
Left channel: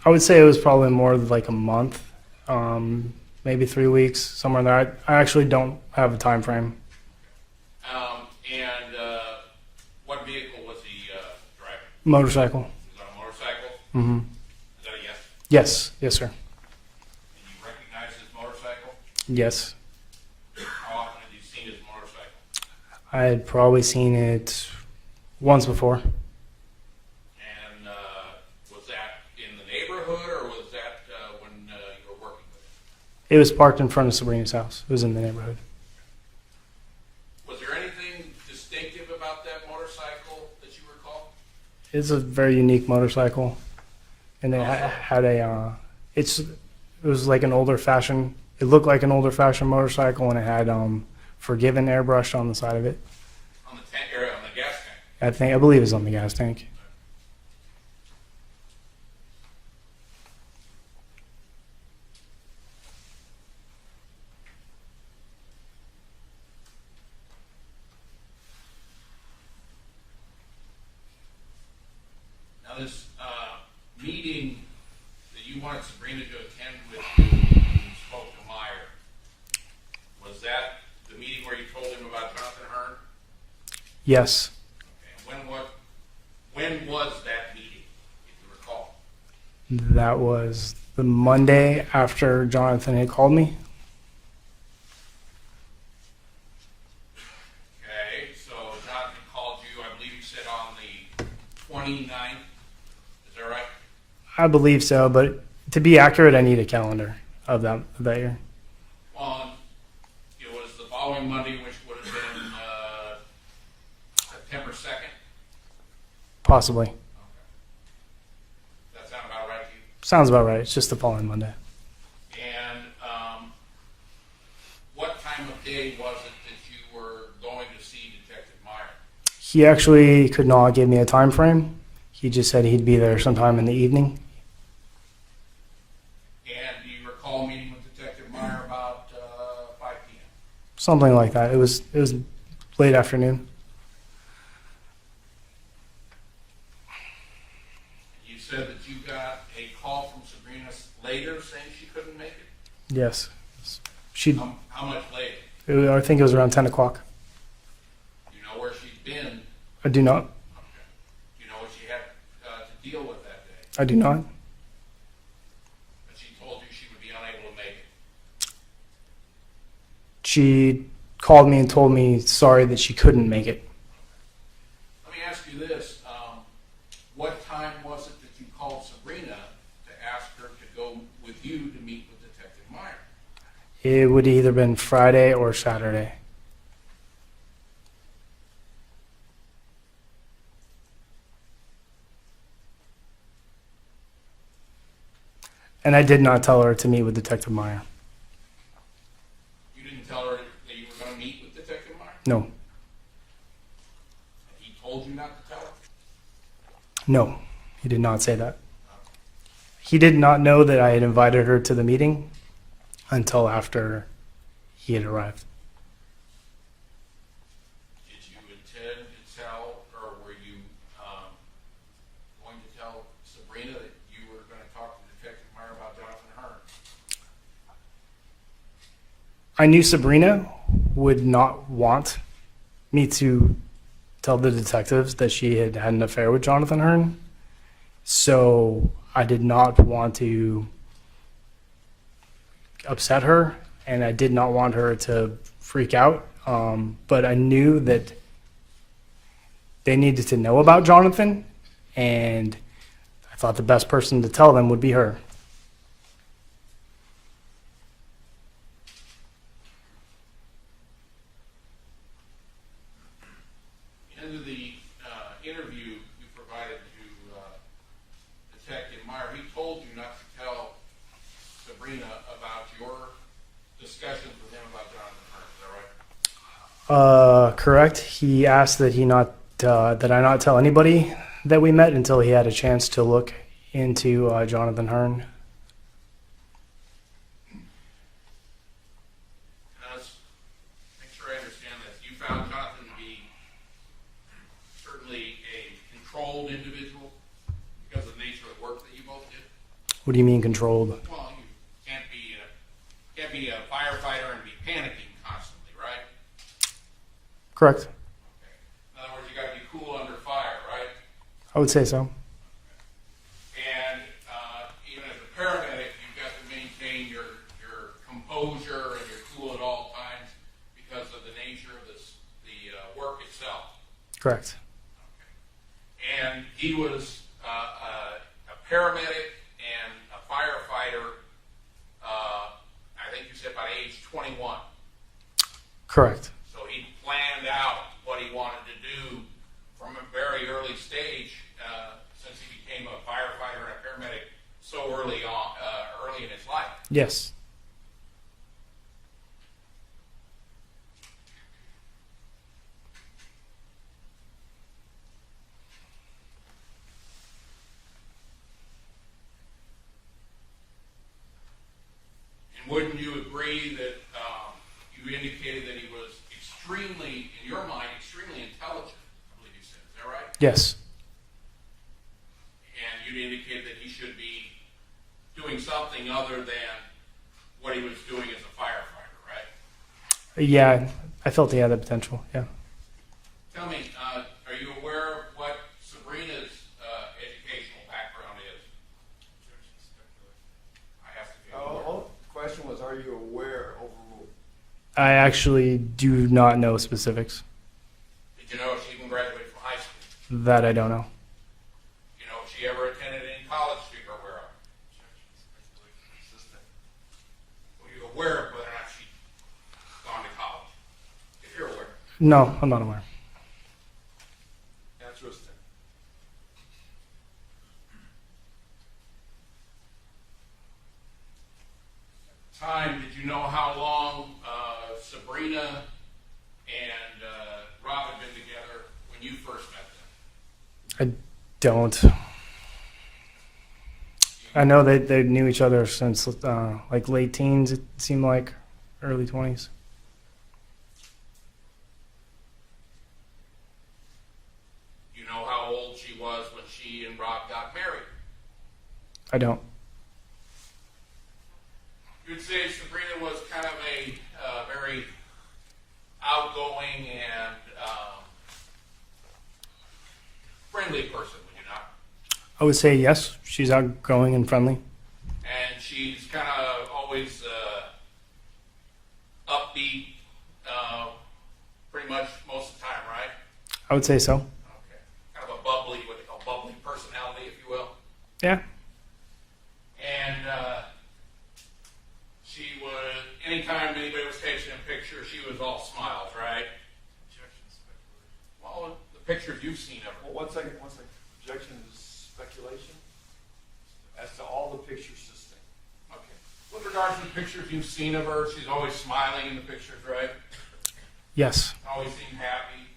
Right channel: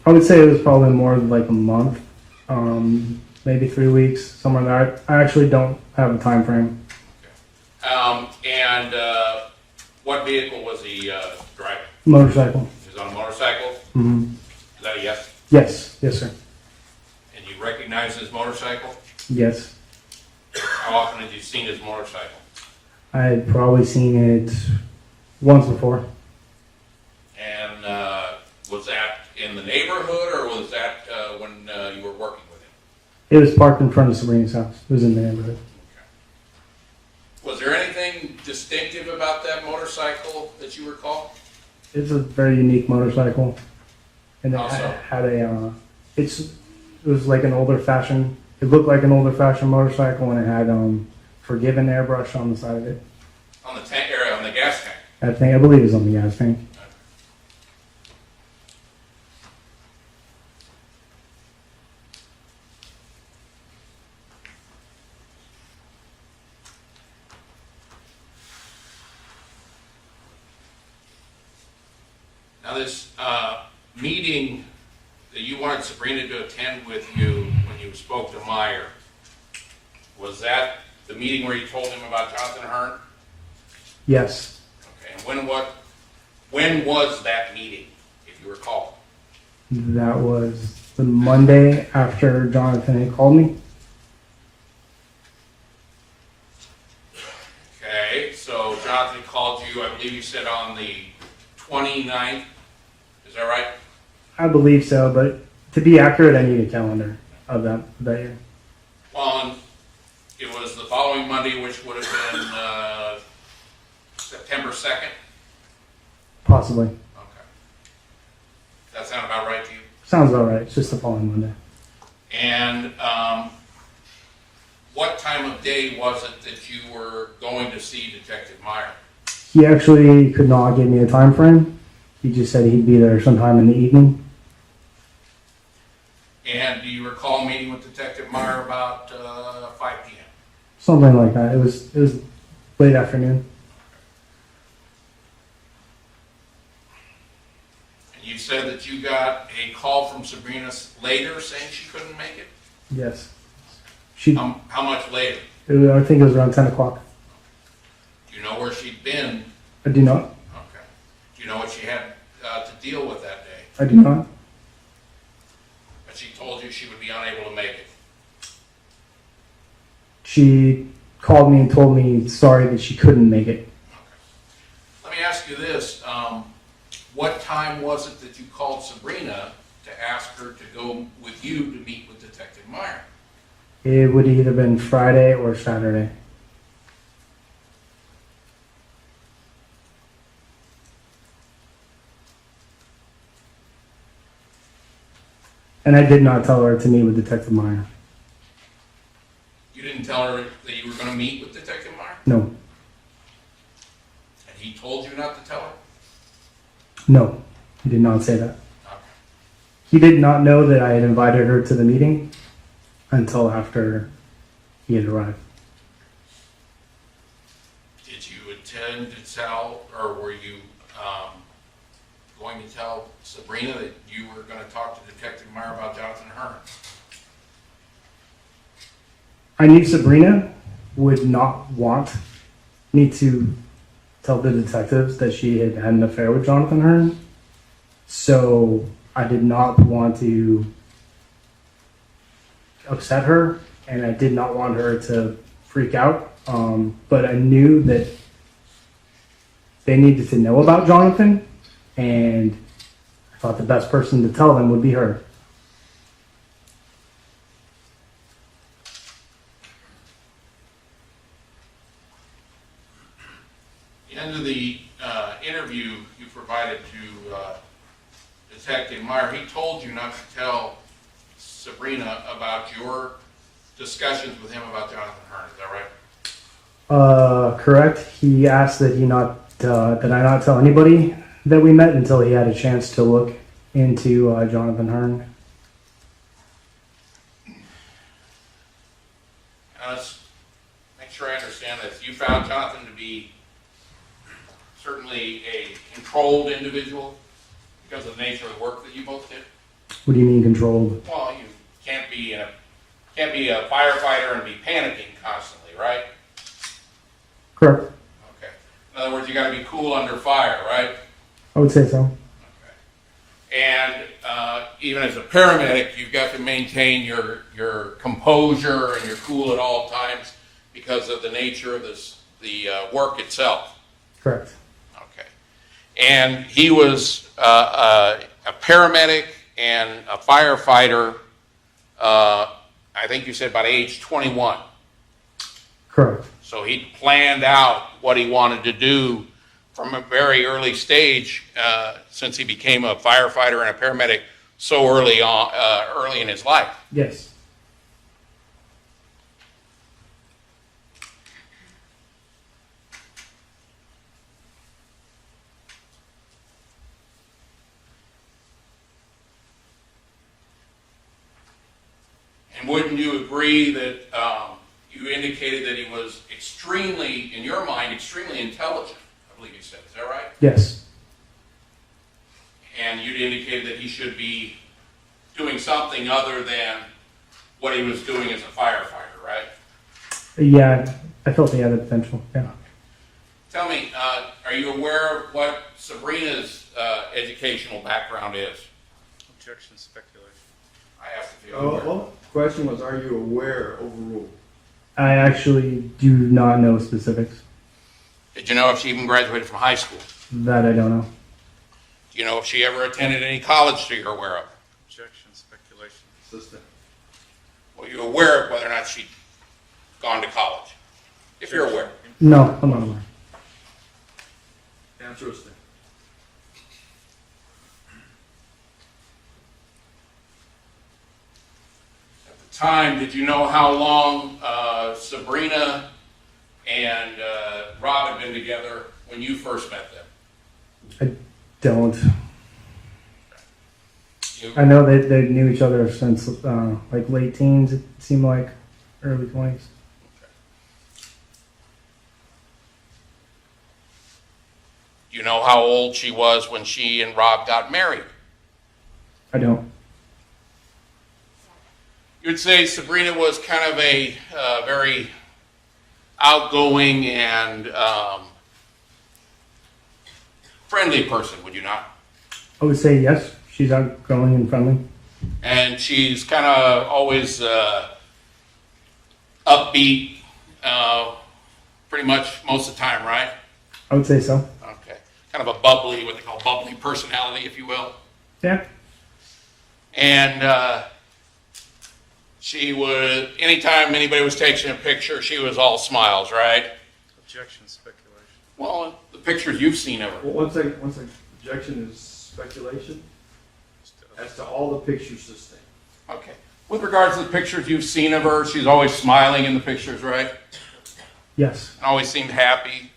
would say it was probably more like a month, maybe 3 weeks, somewhere there. I actually don't have a time frame. And what vehicle was he driving? Motorcycle. He was on a motorcycle? Hmm. Is that a yes? Yes, sir. And you recognize his motorcycle? Yes. How often had you seen his motorcycle? I had probably seen it once before. And was that in the neighborhood or was that when you were working with him? It was parked in front of Sabrina's house. It was in the neighborhood. Was there anything distinctive about that motorcycle that you recall? It's a very unique motorcycle, and it Also? had a. It was like an older fashioned. It looked like an older fashioned motorcycle, and it had "Forgiven" airbrushed on the side of it. On the tank, or on the gas tank? I believe it's on the gas tank. was that the meeting where you told him about Jonathan Hearn? Yes. Okay, and when was that meeting, if you recall? That was the Monday after Jonathan had called me. Okay, so Jonathan called you, I believe you said on the 29th, is that right? I believe so, but to be accurate, I need a calendar of that year. On, it was the following Monday, which would have been September 2nd? Possibly. Okay. That sound about right to you? Sounds about right. It's just the following Monday. And what time of day was it that you were going to see Detective Meyer? He actually could not give me a time frame. He just said he'd be there sometime in the evening. And do you recall meeting with Detective Meyer about 5 p.m.? Something like that. It was late afternoon. And you said that you got a call from Sabrina later saying she couldn't make it? Yes. She. How much later? I think it was around 10 o'clock. Do you know where she'd been? I do not. Okay. Do you know what she had to deal with that day? I do not. But she told you she would be unable to make it. She called me and told me sorry that she couldn't make it. Let me ask you this. What time was it that you called Sabrina to ask her to go with you to meet with Detective Meyer? It would either been Friday or Saturday. And I did not tell her to meet with Detective Meyer. You didn't tell her that you were going to meet with Detective Meyer? No. And he told you not to tell her? No. He did not say that. Okay. He did not know that I had invited her to the meeting until after he had arrived. Did you intend to tell, or were you going to tell Sabrina that you were going to talk to Detective Meyer about Jonathan Hearn? I knew Sabrina would not want me to tell the detectives that she had had an affair with Jonathan Hearn. So I did not want to upset her, and I did not want her to freak out. But I knew that they needed to know about Jonathan, and I thought the best person to tell them would be her. At the end of the interview you provided to Detective Meyer, he told you not to tell Sabrina about your discussions with him about Jonathan Hearn. Is that right? Correct. He asked that that I not tell anybody that we met until he had a chance to look into Jonathan Hearn. Let's make sure I understand this. You found Jonathan to be certainly a controlled individual because of the nature of the work that you both did? What do you mean controlled? Well, you can't be a firefighter and be panicking constantly, right? Correct. Okay. In other words, you got to be cool under fire, right? I would say so. Okay. And even as a paramedic, you've got to maintain your composure and your cool at all times because of the nature of the work itself. Correct. Okay. And he was a paramedic and a firefighter, I think you said about age 21. Correct. So he planned out what he wanted to do from a very early stage, since he became a firefighter and a paramedic so early in his life. Yes. And wouldn't you agree that you indicated that he was extremely, in your mind, extremely intelligent, I believe you said. Is that right? Yes. And you indicated that he should be doing something other than what he was doing as a firefighter, right? Yeah, I felt he had the potential. Yeah. Tell me, are you aware of what Sabrina's educational background is? Objection, speculation. I have to feel Oh, aware. well, question was, are you aware overruled? I actually do not know specifics. Did you know if she even graduated from high school? That I don't know. Do you know if she ever attended any college that you're aware of? Objection, speculation. Assistant. Were you aware of whether or not she'd gone to college? If you're aware. No, I'm not aware. Interesting. At the time, did you know how long Sabrina and Rob had been together when you first met them? I don't. You- I know they knew each other since like late teens. It seemed like early 20s. Do you know how old she was when she and Rob got married? I don't. You would say Sabrina was kind of a very outgoing and friendly person, would you not? I would say yes. She's outgoing and friendly. And she's kind of always upbeat, pretty much most of the time, right? I would say so. Okay. Kind of a bubbly, what they call bubbly personality, if you will. Yeah. And she would, anytime anybody was taking a picture, she was all smiles, right? Objection, speculation. Well, the pictures you've seen of her. Well, one second. Objection is speculation as to all the pictures this thing. Okay. With regards to the pictures you've seen of her, she's always smiling in the pictures, right? Yes. Always seemed happy.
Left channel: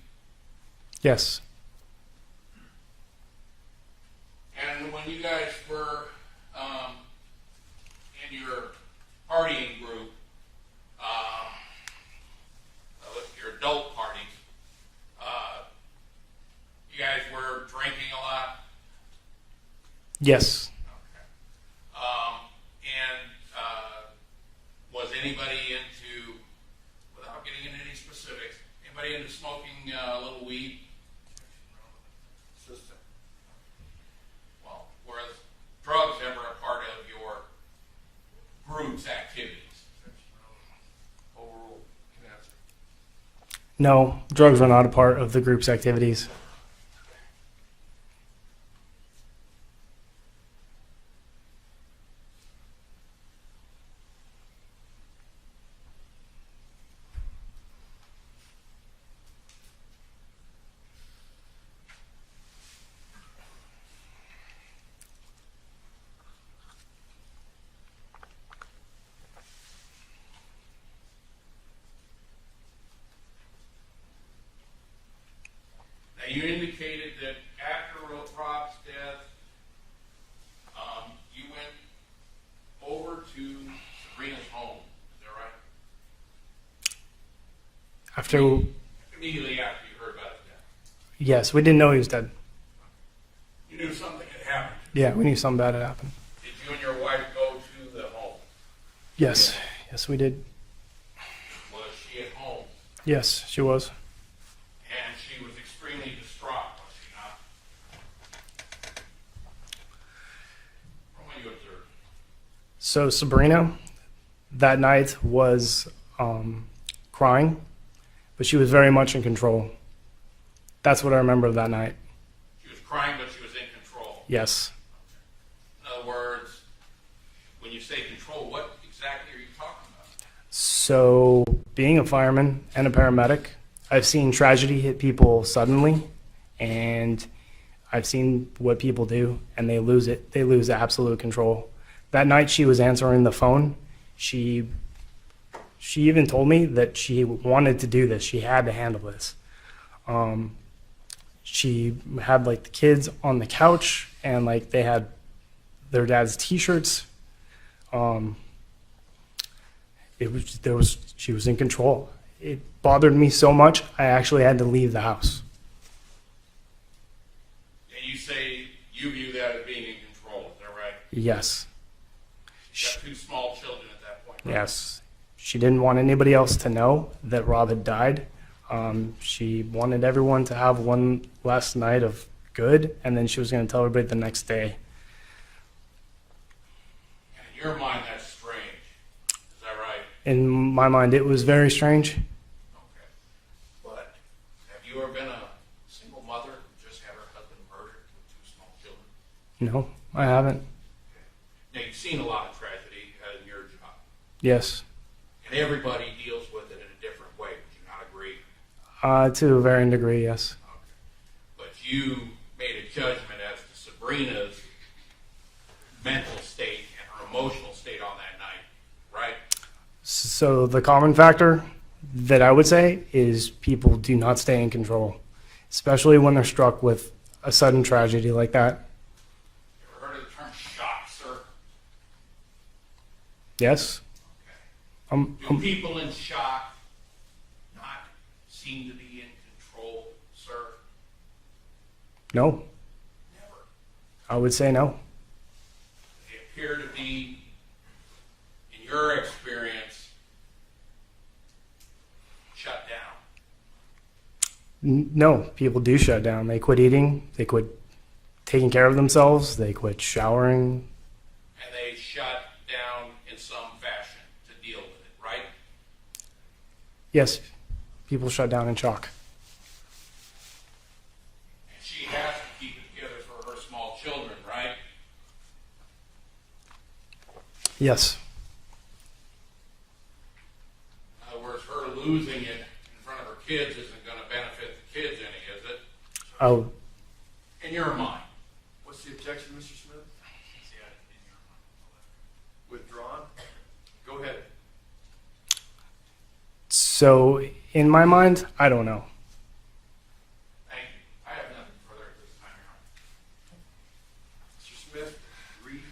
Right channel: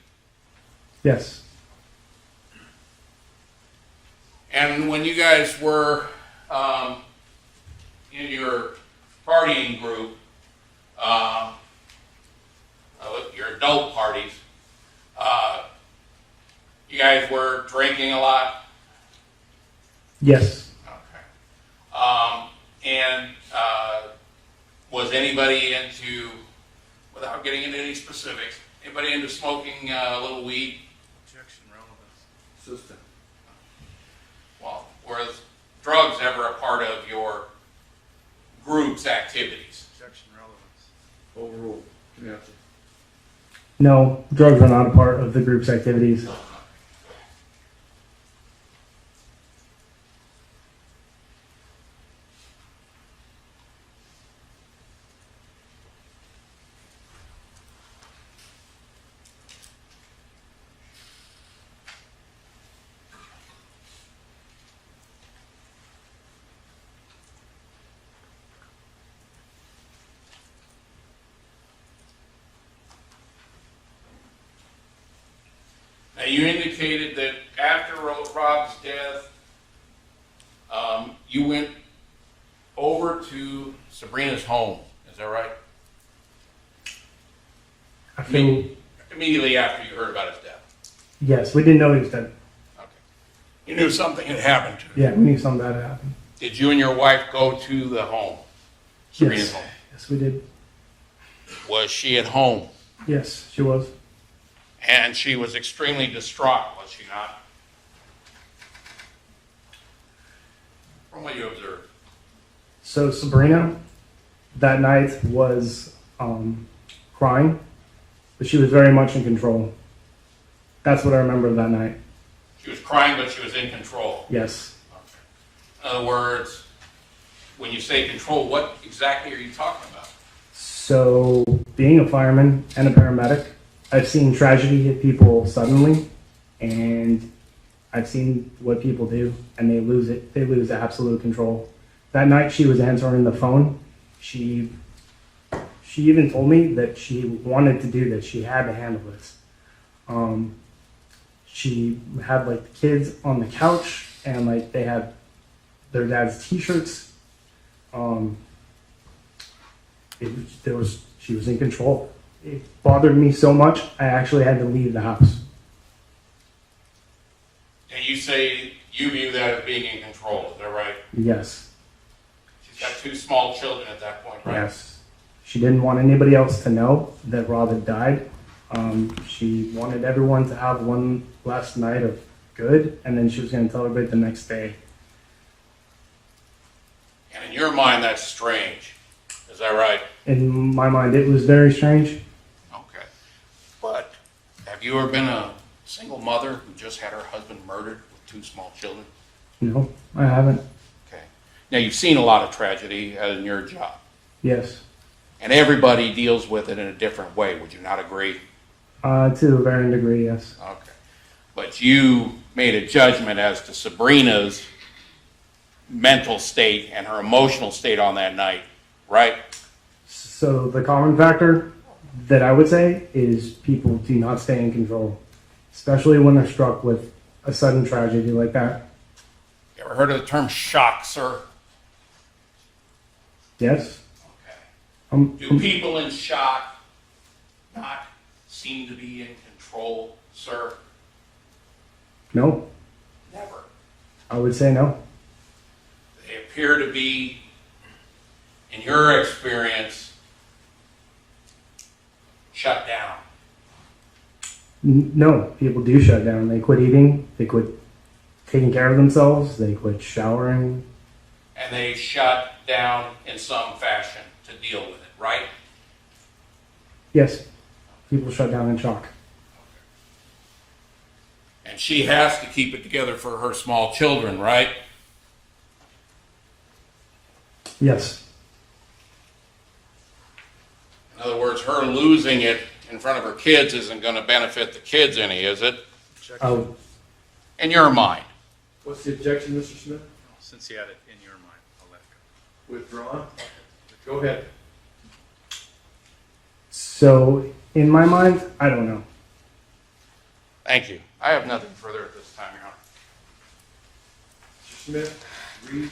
Yes. And when you guys were in your partying group, your adult parties, you guys were drinking a lot? Yes. Okay. And was anybody into, without getting into any specifics, anybody into smoking a little weed? Objection, relevance. Assistant. Well, was drugs ever a part of your group's activities? Objection, relevance. Overruled. Yes. No, drugs were not a part of the group's activities. Now, you indicated that after Rob's death, you went over to Sabrina's home. Is that right? After, Immediately after you heard about his death. yes, we didn't know he was dead. Okay. You knew something had happened to him. Yeah, we knew something bad had happened. Did you and your wife go to the home? Sabrina's Yes. home? Yes, we did. Was she at home? Yes, she was. And she was extremely distraught, was she not? From what you observed. So Sabrina, that night was crying, but she was very much in control. That's what I remember of that night. She was crying, but she was in control. Yes. In other words, when you say control, what exactly are you talking about? So being a fireman and a paramedic, I've seen tragedy hit people suddenly, and I've seen what people do, and they lose it. They lose absolute control. That night she was answering the phone. She even told me that she wanted to do this. She had to handle this. She had like the kids on the couch, and like they had their dad's T-shirts. She was in control. It bothered me so much, I actually had to leave the house. And you say you view that as being in control, is that right? Yes. She's got two small children at that point, right? Yes. She didn't want anybody else to know that Rob had died. She wanted everyone to have one last night of good, and then she was going to tell everybody the next day. And in your mind, that's strange. Is that right? In my mind, it was very strange. Okay. But have you ever been a single mother who just had her husband murdered with 2 small children? No, I haven't. Okay. Now, you've seen a lot of tragedy in your job, Yes. and everybody deals with it in a different way. Would you not agree? To a varying degree, yes. Okay. But you made a judgment as to Sabrina's mental state and her emotional state on that night, right? So the common factor that I would say is people do not stay in control, especially when they're struck with a sudden tragedy like that. You ever heard of the term shock, sir? Yes. Okay. Do people in shock not seem to be in control, sir? No, Never. I would say no. They appear to be, in your experience, shut down. No, people do shut down. They quit eating, they quit taking care of themselves, they quit showering. And they shut down in some fashion to deal with it, right? Yes, people shut down in shock. And she has to keep it together for her small children, right? Yes, In other words, her losing it in front of her kids isn't going to benefit the kids any, is it? I would, In your mind. What's the objection, Mr. Smith? Since you had it in your mind, I'll let it go. Withdrawn? Go ahead. so in my mind, I don't know. Thank you. I have nothing further at this time, Your Honor. Mr. Smith, read.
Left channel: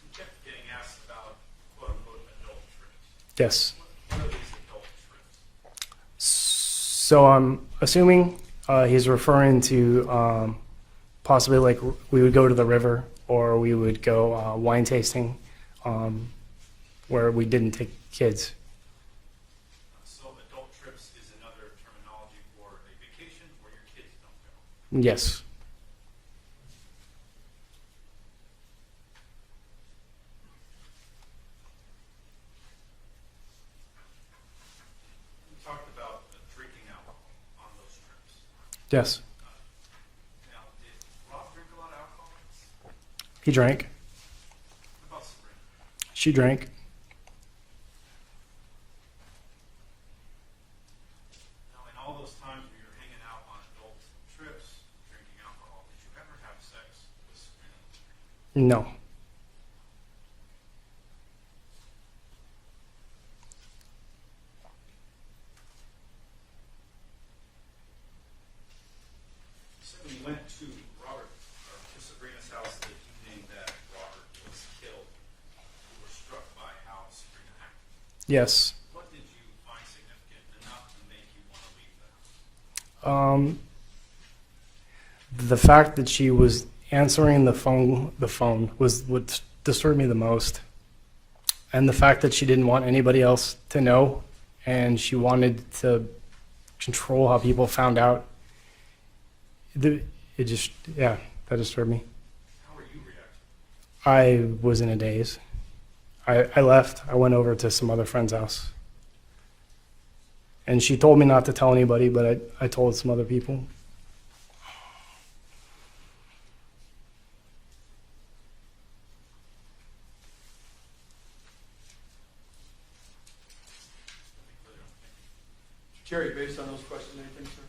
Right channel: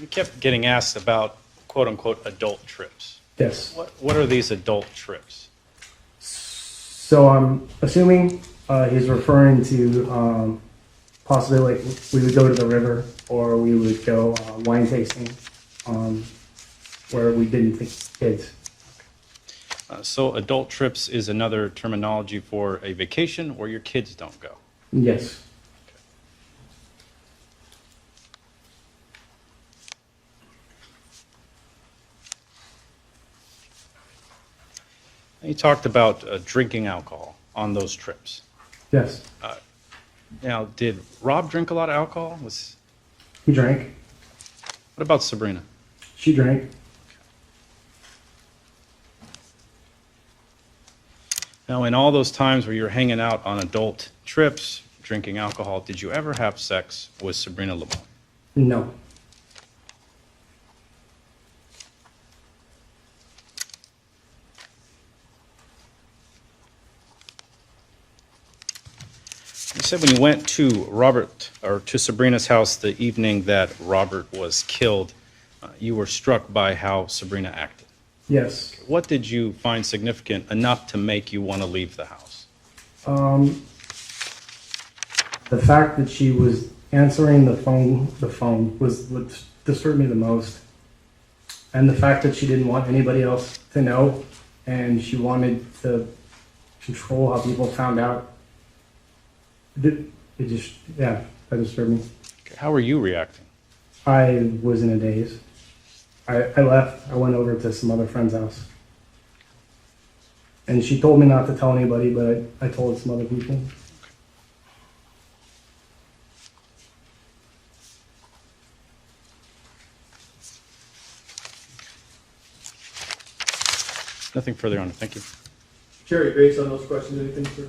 You kept getting asked about quote-unquote adult trips. Yes. What are these adult trips? So I'm assuming he's referring to possibly like we would go to the river or we would go wine tasting where we didn't take kids. So adult trips is another terminology for a vacation where your kids don't go. Yes. You talked about drinking alcohol on those trips. Yes. Now, did Rob drink a lot of alcohol? He drank. What about Sabrina? She drank. Now, in all those times where you're hanging out on adult trips, drinking alcohol, did you ever have sex with Sabrina Limon? No. You said when you went to Sabrina's house the evening that Robert was killed, you were struck by how Sabrina acted. Yes. What did you find significant enough to make you want to leave the house? The fact that she was answering the phone was what disturbed me the most. And the fact that she didn't want anybody else to know and she wanted to control how people found out. That disturbed me. Okay, how were you reacting? I was in a daze. I left. I went over to some other friend's house. And she told me not to tell anybody, but I told some other people. Nothing further on it. Thank you. Cherry, based on those questions, anything, sir?